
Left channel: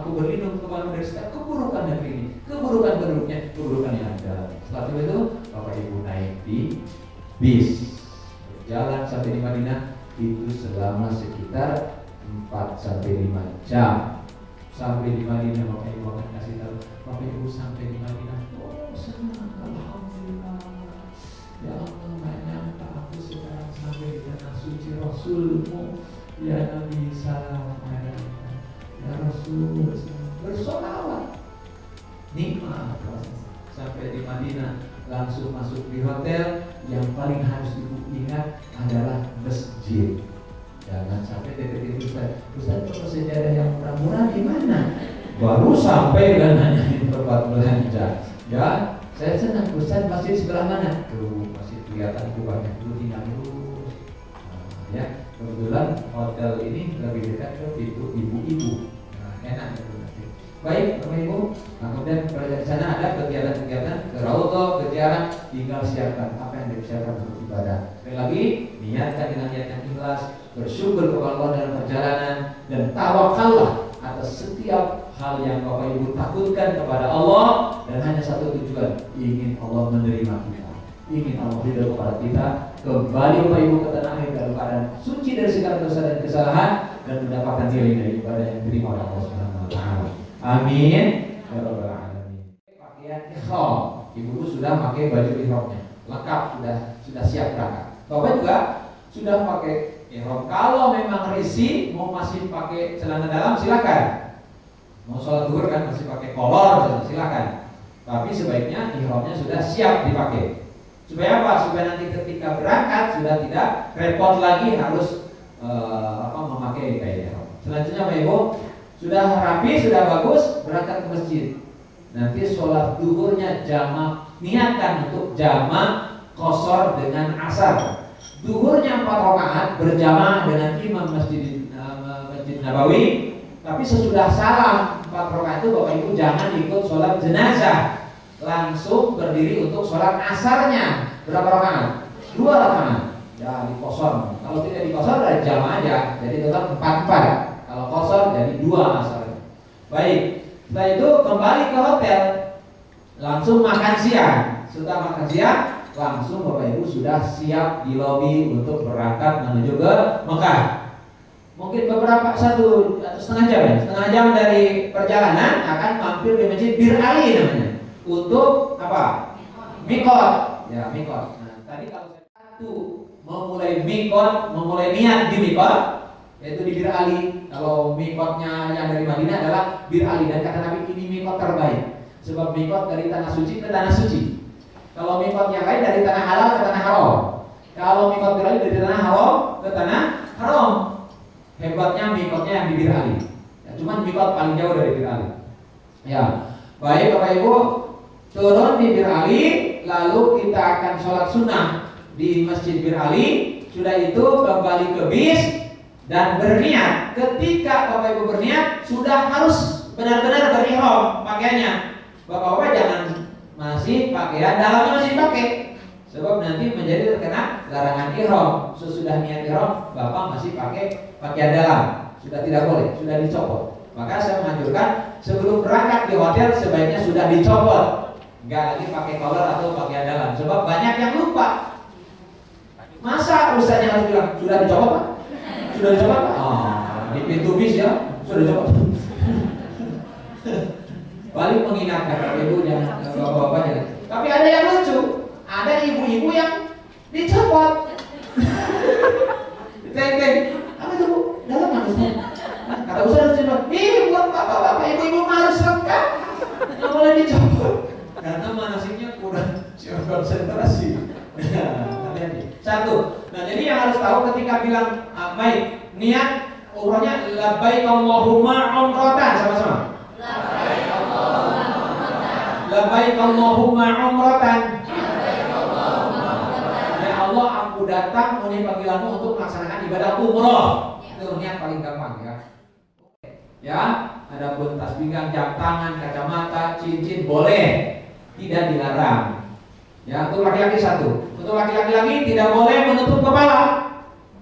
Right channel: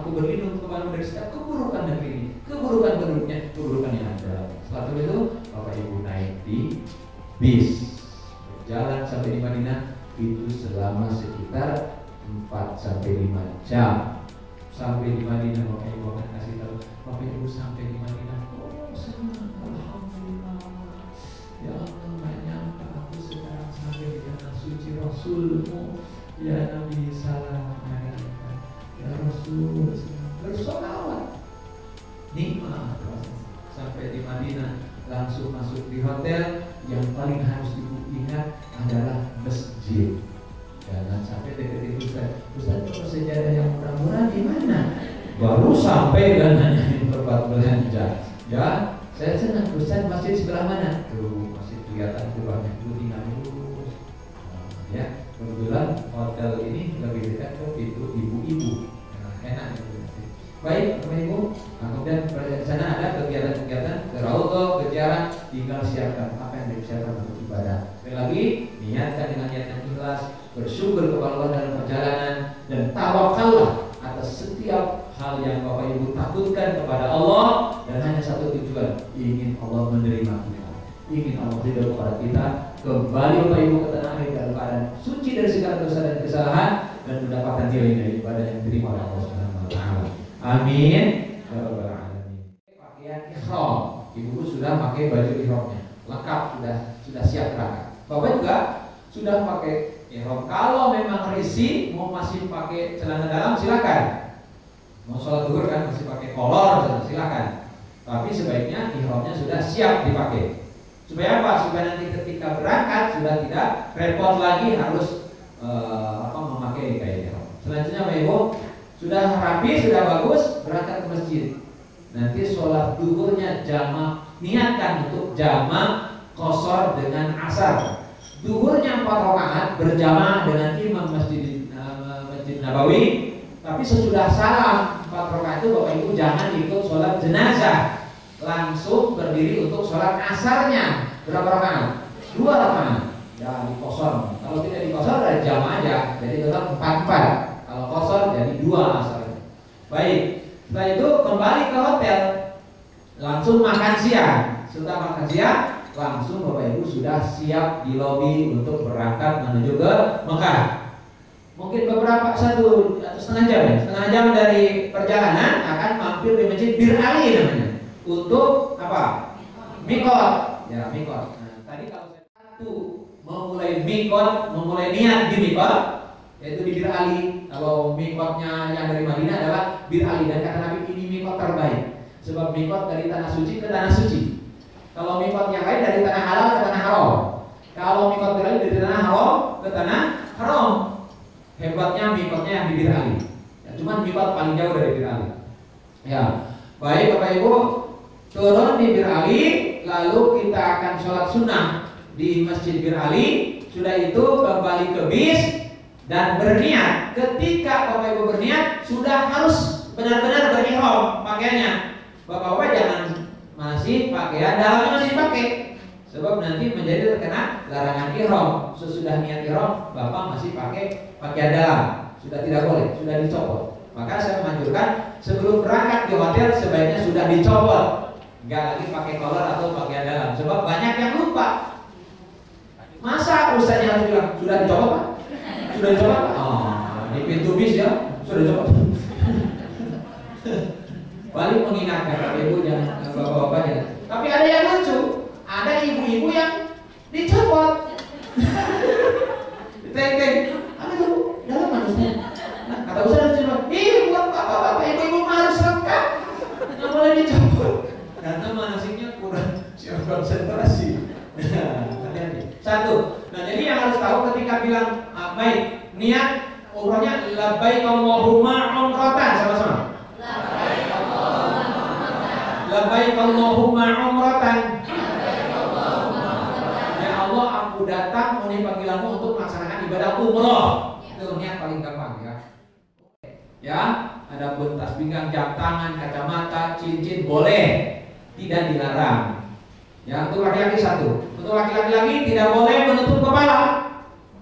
Aku berlindung kepada dari setiap keburukan negeri ini, keburukan penduduknya, keburukan yang ada. Setelah itu Bapak Ibu naik di bis, jalan sampai di Madinah itu selama sekitar 4-5 jam. Sampai di Madinah Bapak Ibu akan kasih tahu, Bapak Ibu sampai di Madinah, oh senang, alhamdulillah. Ya Allah, nggak nyangka aku sekarang sampai di tanah suci Rasulmu. Ya Nabi salam alaikum, ya Rasul, bersolawat. Nikmat proses. Sampai di Madinah langsung masuk di hotel. Yang paling harus diingat adalah masjid. Jangan sampai deketin Ustaz kalau sejarah yang murah-murah di mana? Baru sampai dan nanyain tempat belanja. Ya, saya senang Ustaz masjid sebelah mana? Tuh masih kelihatan kubahnya, dulu tinggal lurus. Ya, kebetulan hotel ini lebih dekat ke pintu ibu-ibu. Nah, enak itu. Baik, Bapak Ibu. Nah, kemudian pada sana ada kegiatan-kegiatan ke Raudhah, ke ziarah, tinggal siapkan apa yang disiapkan untuk ibadah. Sekali lagi, niatkan dengan niat yang ikhlas, bersyukur kepada Allah dalam perjalanan, dan tawakallah atas setiap hal yang Bapak Ibu takutkan kepada Allah, dan hanya satu tujuan, ingin Allah menerima kita, ingin Allah ridho kepada kita, kembali Bapak Ibu ke tanah air dalam keadaan suci dari segala dosa dan kesalahan, dan mendapatkan nilai-nilai ibadah yang diterima oleh Allah Subhanahu wa Ta'ala. Amin. Ya Rabbal Alamin. Pakaian ihram, ibu sudah pakai baju ihramnya, lengkap, sudah siap berangkat. Bapak juga sudah pakai ihram. Kalau memang risih mau masih pakai celana dalam silakan. Mau sholat zuhur kan masih pakai kolor silakan. Tapi sebaiknya ihramnya sudah siap dipakai. Supaya apa? Supaya nanti ketika berangkat sudah tidak repot lagi harus memakai kain ihram. Selanjutnya Bapak Ibu, sudah rapi, sudah bagus, berangkat ke masjid. Nanti sholat duhurnya jamaah, niatkan untuk jamaah qashar dengan asar. Duhurnya 4 rakaat berjamaah dengan imam Masjid Nabawi. Tapi sesudah salam 4 rakaat itu Bapak Ibu jangan ikut sholat jenazah, langsung berdiri untuk sholat asarnya. Berapa rakaat? 2 rakaat. Ya di qashar. Kalau tidak di qashar dari jamaah aja, jadi tetap 4-4. Kalau qashar jadi 2 asar. Baik, setelah itu kembali ke hotel, langsung makan siang. Setelah makan siang, langsung Bapak Ibu sudah siap di lobi untuk berangkat menuju ke Mekah. Mungkin beberapa 1 atau setengah jam ya, setengah jam dari perjalanan akan mampir di Masjid Bir Ali namanya. Untuk apa? Mikot. Ya, mikot. Nah, tadi kalau satu memulai mikot, memulai niat di mikot, yaitu di Bir Ali. Kalau mikotnya yang dari Madinah adalah Bir Ali, dan kata Nabi ini mikot terbaik. Sebab mikot dari tanah suci ke tanah suci. Kalau mikot yang lain dari tanah halal ke tanah haram. Kalau mikot Bir Ali dari tanah haram ke tanah haram. Hebatnya mikotnya yang di Bir Ali. Ya, Cuman miqat paling jauh dari Bir Ali. Ya, baik Bapak Ibu, turun di Bir Ali, lalu kita akan sholat sunnah di Masjid Bir Ali. Sudah itu kembali ke bis dan berniat. Ketika Bapak Ibu berniat, sudah harus benar-benar berihram pakaiannya. Bapak-bapak jangan masih pakaian dalamnya masih pakai, sebab nanti menjadi terkena larangan ihram. Sesudah niat ihram, Bapak masih pakai pakaian dalam, sudah tidak boleh, sudah dicopot. Maka saya menganjurkan sebelum berangkat di hotel sebaiknya sudah dicopot, nggak lagi pakai collar atau pakaian dalam, sebab banyak yang lupa. Masa ustaznya harus bilang sudah dicopot Pak? Sudah dicopot Pak? Oh, di pintu bis ya sudah dicopot. Balik mengingatkan Bapak Ibu jangan bapak-bapaknya. Tapi ada yang lucu, ada ibu-ibu yang dicopot. Ditengking, apa itu Bu? Dalam manusia. Kata Ustaz cuma, buat bapak-bapak, ibu-ibu harus lengkap, nggak boleh dicopot karena manasiknya kurang konsentrasi. Hati-hati. Satu. Nah jadi yang harus tahu ketika bilang baik niat umrohnya labbaik Allahumma umratan, sama-sama. Labbaik Allahumma umratan. Ya Allah, aku datang memenuhi panggilanmu untuk melaksanakan ibadah umroh. Itu niat paling gampang ya. Ya, adapun tas pinggang, jam tangan, kacamata, cincin boleh, tidak dilarang. Ya, untuk laki-laki satu. Untuk laki-laki lagi tidak boleh menutup kepala,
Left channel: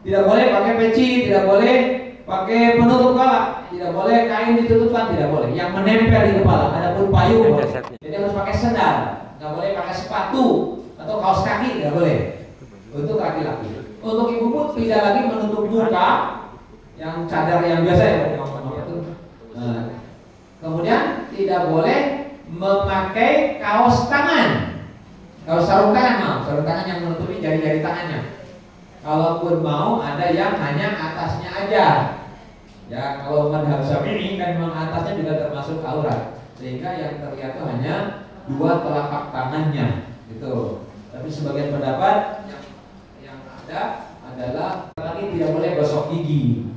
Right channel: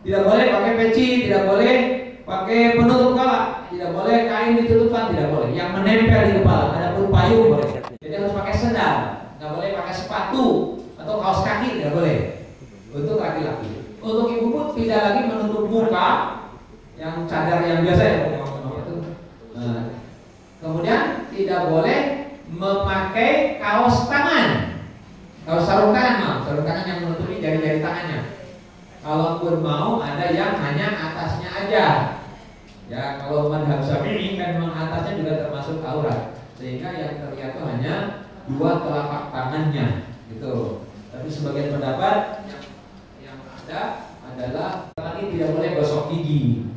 tidak boleh pakai peci, tidak boleh pakai penutup kepala, tidak boleh kain ditutupkan, tidak boleh. Yang menempel di kepala, adapun payung boleh. Jadi harus pakai sendal, nggak boleh pakai sepatu atau kaos kaki, tidak boleh. Untuk laki-laki. Untuk ibu pun tidak lagi menutup muka, yang cadar yang biasa ya. Kemudian tidak boleh memakai kaos tangan, kaos sarung tangan, sarung tangan yang menutupi jari-jari tangannya. Kalaupun mau ada yang hanya atasnya aja. Ya kalau madhab Syafi'i kan memang atasnya juga termasuk aurat, sehingga yang terlihat itu hanya dua telapak tangannya, gitu. Tapi sebagian pendapat yang ada adalah lagi tidak boleh gosok gigi,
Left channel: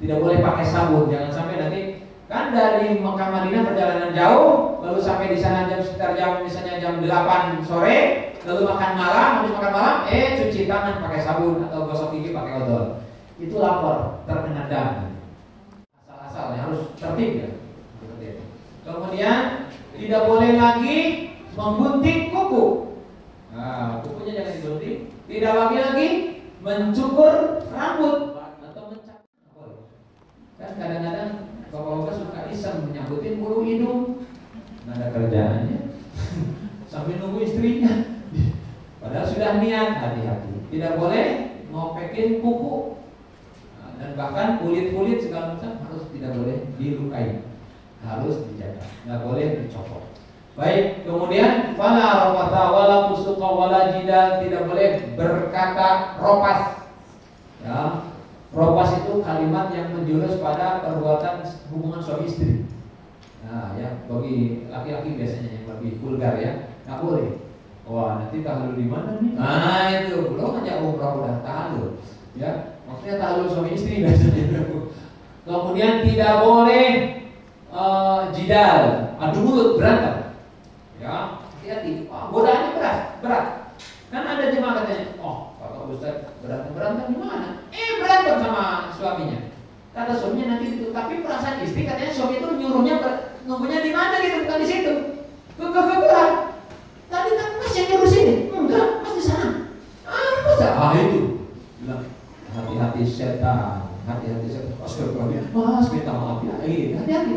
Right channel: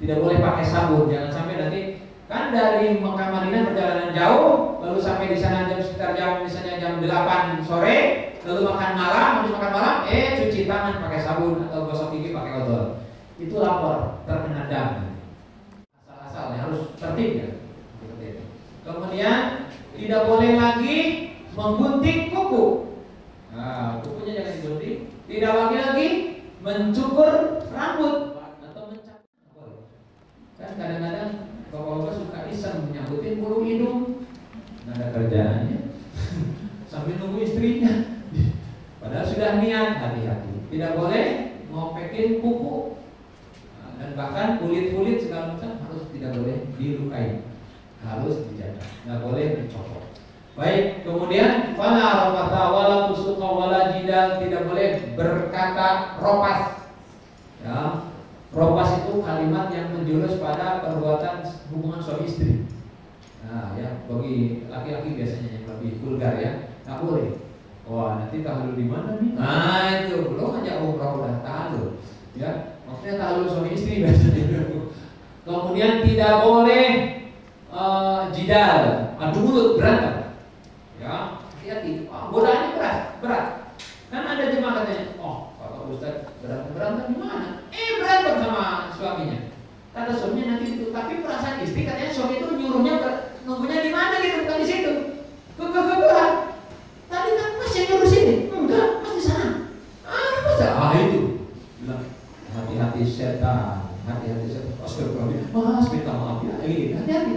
tidak boleh pakai sabun, jangan sampai nanti. Kan dari Mekah Madinah perjalanan jauh, lalu sampai di sana sekitar jam misalnya jam 8 sore, lalu makan malam, habis makan malam, cuci tangan pakai sabun atau gosok gigi pakai odol. Itu lapor, terkena dam. Asal-asalnya harus tertib ya. Kemudian tidak boleh lagi menggunting kuku. Nah, kukunya jangan digunting. Tidak lagi mencukur rambut atau mencat. Kan kadang-kadang bapak-bapak suka iseng menyambutin bulu hidung, nggak ada kerjaannya, sambil nunggu istrinya. Padahal sudah niat, hati-hati. Tidak boleh ngopekin kuku, dan bahkan kulit-kulit segala macam harus tidak boleh dilukai, harus dijaga, nggak boleh dicopot. Baik, kemudian fala rafatha wala fusuqa wala jidal, tidak boleh berkata ropas. Ya. Ropas itu kalimat yang menjurus pada perbuatan hubungan suami istri. Nah ya, bagi laki-laki biasanya yang lebih vulgar ya, nggak boleh. Wah nanti tahlul di mana nih? Nah itu belum aja umrah udah tahlul. Ya, maksudnya tahlul suami istri biasanya. Kemudian tidak boleh jidal, adu mulut, berantem. Ya, hati-hati. Godaannya berat. Kan ada jemaah katanya, Pak Ustaz berantem gimana? Berantem sama suaminya. Kata suaminya nanti itu, tapi perasaan istri katanya suami itu nyuruhnya nunggunya di mana gitu, bukan di situ. Kegegeran. Tadi kan Mas yang nyuruh sini. Enggak, Mas di sana. Masa? Itu. Bilang hati-hati setan, Astagfirullahaladzim. Mas minta maaf ya. Hati-hati.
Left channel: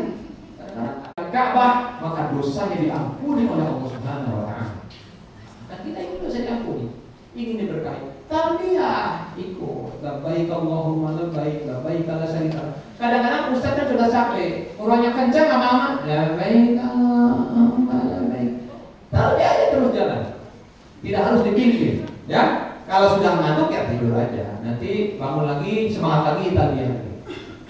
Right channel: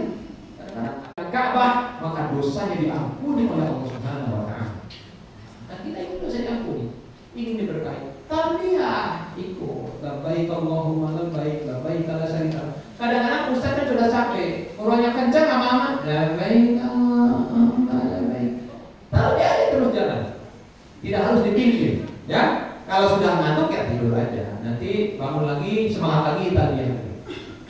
Kadang-kadang Ka'bah maka dosanya diampuni oleh Allah Subhanahu wa taala. Dan kita itu dosa diampuni. Ingin diberkahi. Tapi ya ikut labbaik Allahumma labbaik la syarika lak. Kadang-kadang ustaz kan sudah capek, urangnya kencang lama-lama labbaik Allahumma labbaik. Taruh dia aja terus jalan. Tidak harus dipimpin, ya. Kalau sudah ngantuk ya tidur aja. Nanti bangun lagi, semangat lagi tadi.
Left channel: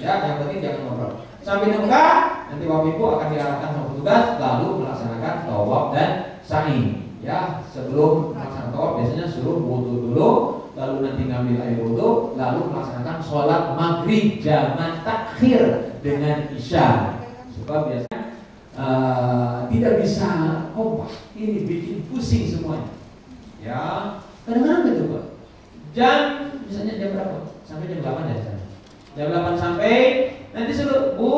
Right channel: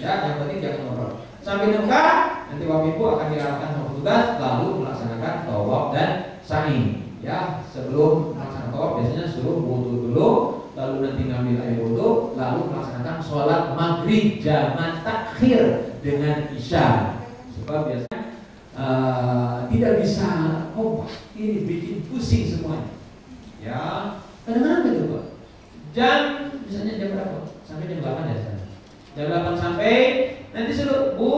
Ya, yang penting jangan ngobrol. Sambil nunggu, nanti Bapak Ibu akan diarahkan sama petugas lalu melaksanakan tawaf dan sa'i. Ya, sebelum melaksanakan tawaf biasanya suruh wudu dulu, lalu nanti ngambil air wudu, lalu melaksanakan sholat maghrib jamak takhir dengan isya. Sebab biasanya tidak bisa kompak, ini bikin pusing semuanya. Ya, kadang-kadang gitu Pak. Jam misalnya jam berapa? Sampai jam 8 ya sana. Jam 8 sampai nanti suruh Bu,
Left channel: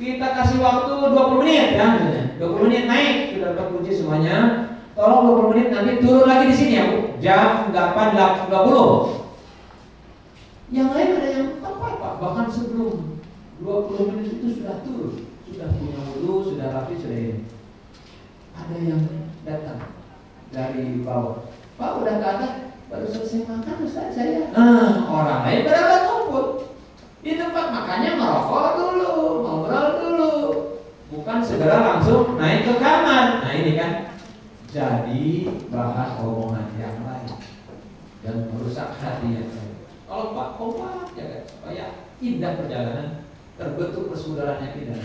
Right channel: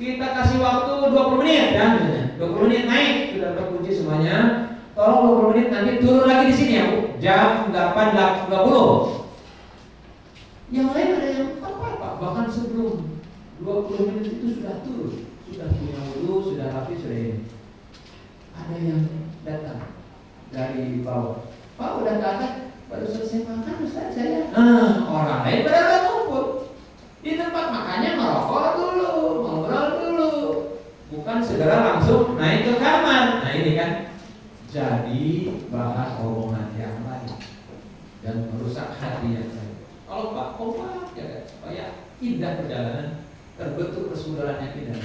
kita kasih waktu 20 menit ya misalnya. 20 menit naik sudah terkunci semuanya. Tolong 20 menit nanti turun lagi di sini ya Bu. Jam 8.20. Yang lain ada yang tepat Pak, bahkan sebelum 20 menit itu sudah turun, sudah punya wudu, sudah rapi, sudah ini. Ada yang datang dari bawah, Pak udah ke atas, baru selesai makan Ustaz saya. Orang lain pada nggak ngumpul di tempat makannya, ngerokok dulu, ngobrol dulu, bukan segera langsung naik ke kamar. Nah ini kan jadi bahan omongan yang lain dan merusak hatinya. Kalau Pak kompak ya supaya indah perjalanan, terbentuk persaudaraan yang indah.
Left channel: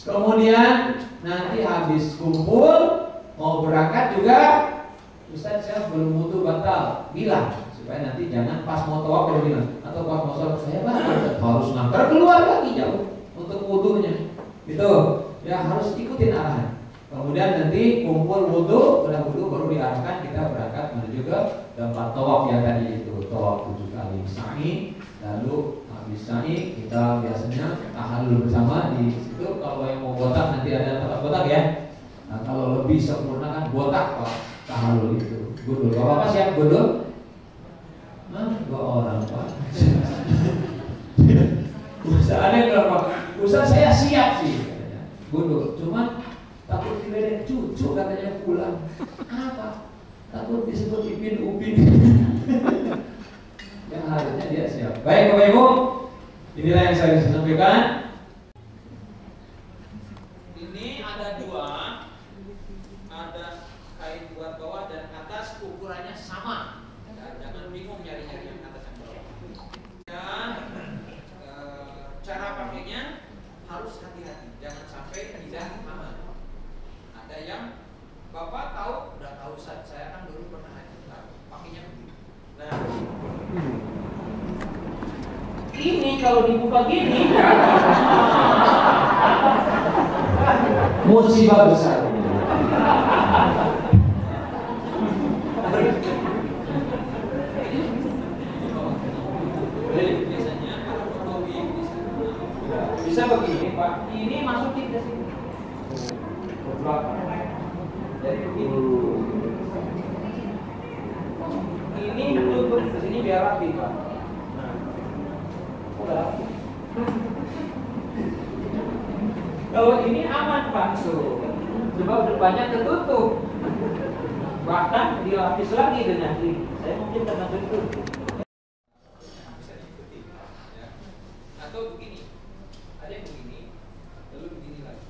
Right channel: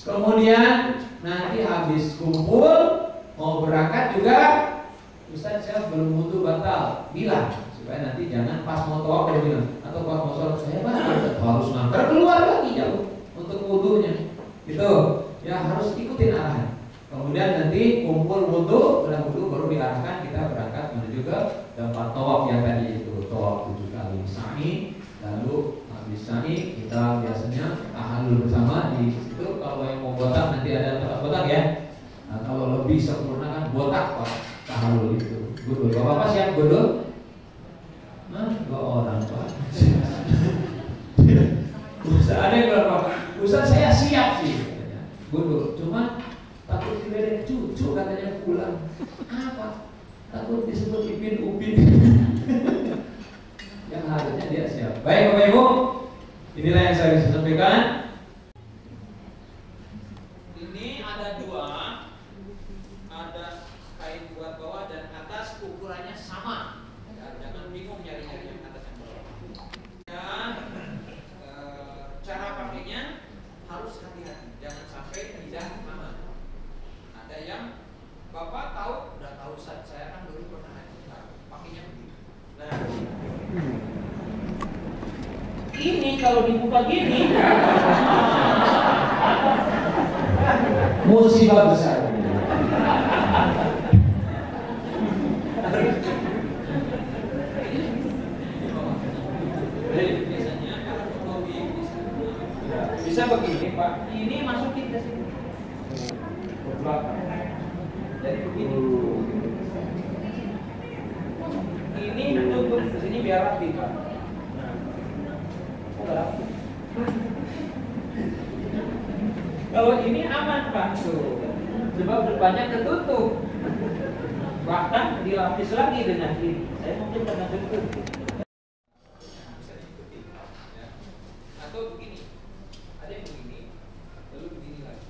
Kemudian nanti habis kumpul mau berangkat juga, Ustaz saya belum wudu batal, bilang supaya nanti jangan pas mau tawaf dia bilang, atau pas mau sholat saya harus ngantar keluar lagi jauh untuk wudunya. Gitu ya, harus ikutin arahan. Kemudian nanti kumpul wudu, udah wudu baru diarahkan kita berangkat menuju ke tempat tawaf yang tadi itu, tawaf 7 kali sa'i. Lalu habis sa'i kita biasanya tahallul bersama di situ. Kalau yang mau botak nanti ada tempat botak ya. Nah, kalau lebih sempurna kan botak Pak, tahallul itu. Gundul. Bapak siap gundul? Nah, 2 orang Pak. Ustaz ada yang bilang Pak, Ustaz saya siap sih katanya. Gundul. Cuman takut diledek cucu katanya pulang. Apa? Takut disebut Ipin Upin. Yang harusnya dia siap. Baik Bapak Ibu, inilah yang saya bisa sampaikan. Ini ada 2, ada kain buat bawah dan atas, ukurannya sama. Ya, jangan bingung nyari-nyari yang atas yang bawah. Dan cara pakainya harus hati-hati, jangan sampai tidak aman. Ada yang Bapak tahu, udah tahu saya kan dulu pernah pakainya begini. Nah, ini kalau dibuka gini musibah besar. Jadi biasanya kalau fotowi bisa begini Pak, ini masukin ke sini ke belakang. Jadi begini. Ini tutup ke sini biar rapi Pak. Nah, udah rapi. Kalau ini aman Pak, sebab depannya tertutup. Bahkan dilapis lagi dengan ini. Saya mungkin pernah tutup. Bisa diikuti, ya. Atau begini, ada yang begini, lalu begini lagi.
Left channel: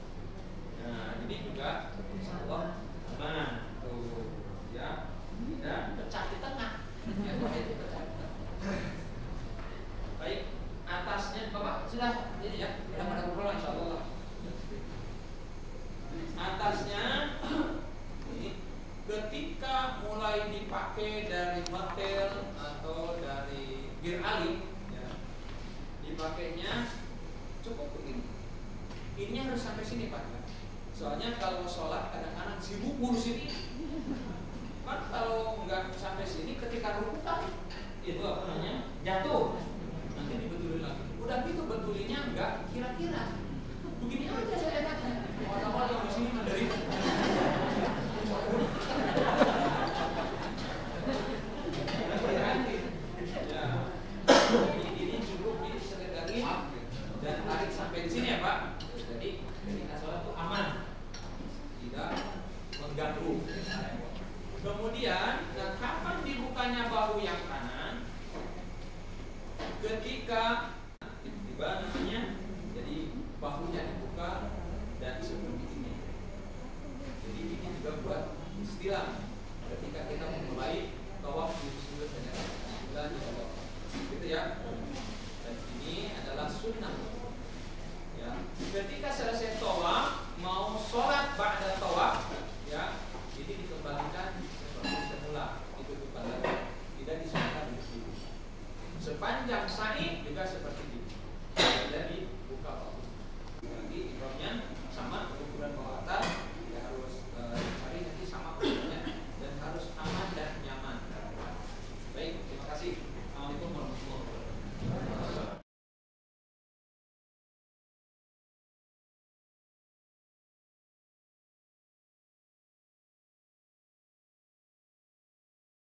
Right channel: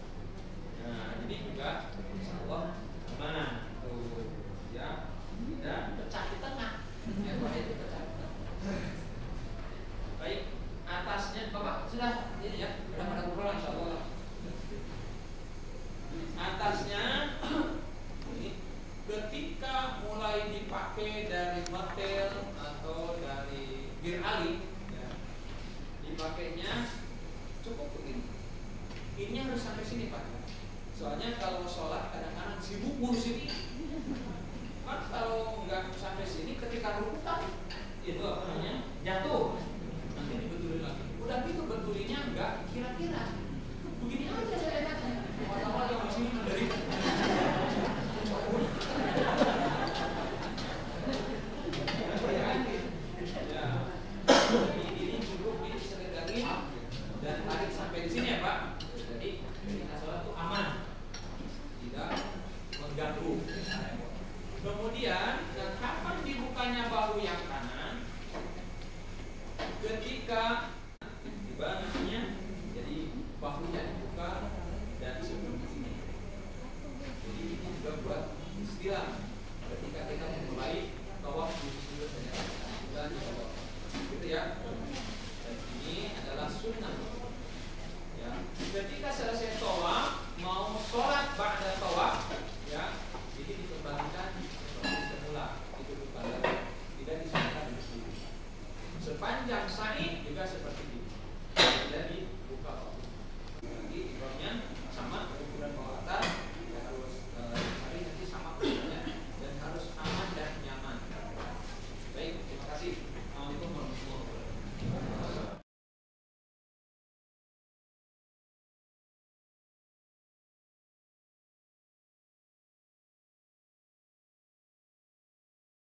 Nah, ini juga insya Allah aman. Tuh, ya. Dan pecah di tengah. Ya, itu pecah. Baik, atasnya Bapak sudah ini ya, sudah pada kumpul insya Allah. Atasnya ini ketika mulai dipakai dari martel atau dari bir ali, ya, dipakainya cukup begini. Ini harus sampai sini Pak. Soalnya kalau sholat kadang-kadang sibuk ngurus ini. Kan kalau nggak sampai sini ketika rukuk kan itu apa namanya jatuh, nanti dibetulin lagi. Udah gitu betulinya nggak kira-kira begini aja saya enak. Awal-awal yang di sini menderita. Ya, ini cukup diselegani dan tarik sampai di sini ya Pak. Jadi ketika sholat itu aman, tidak mengganggu. Kemudian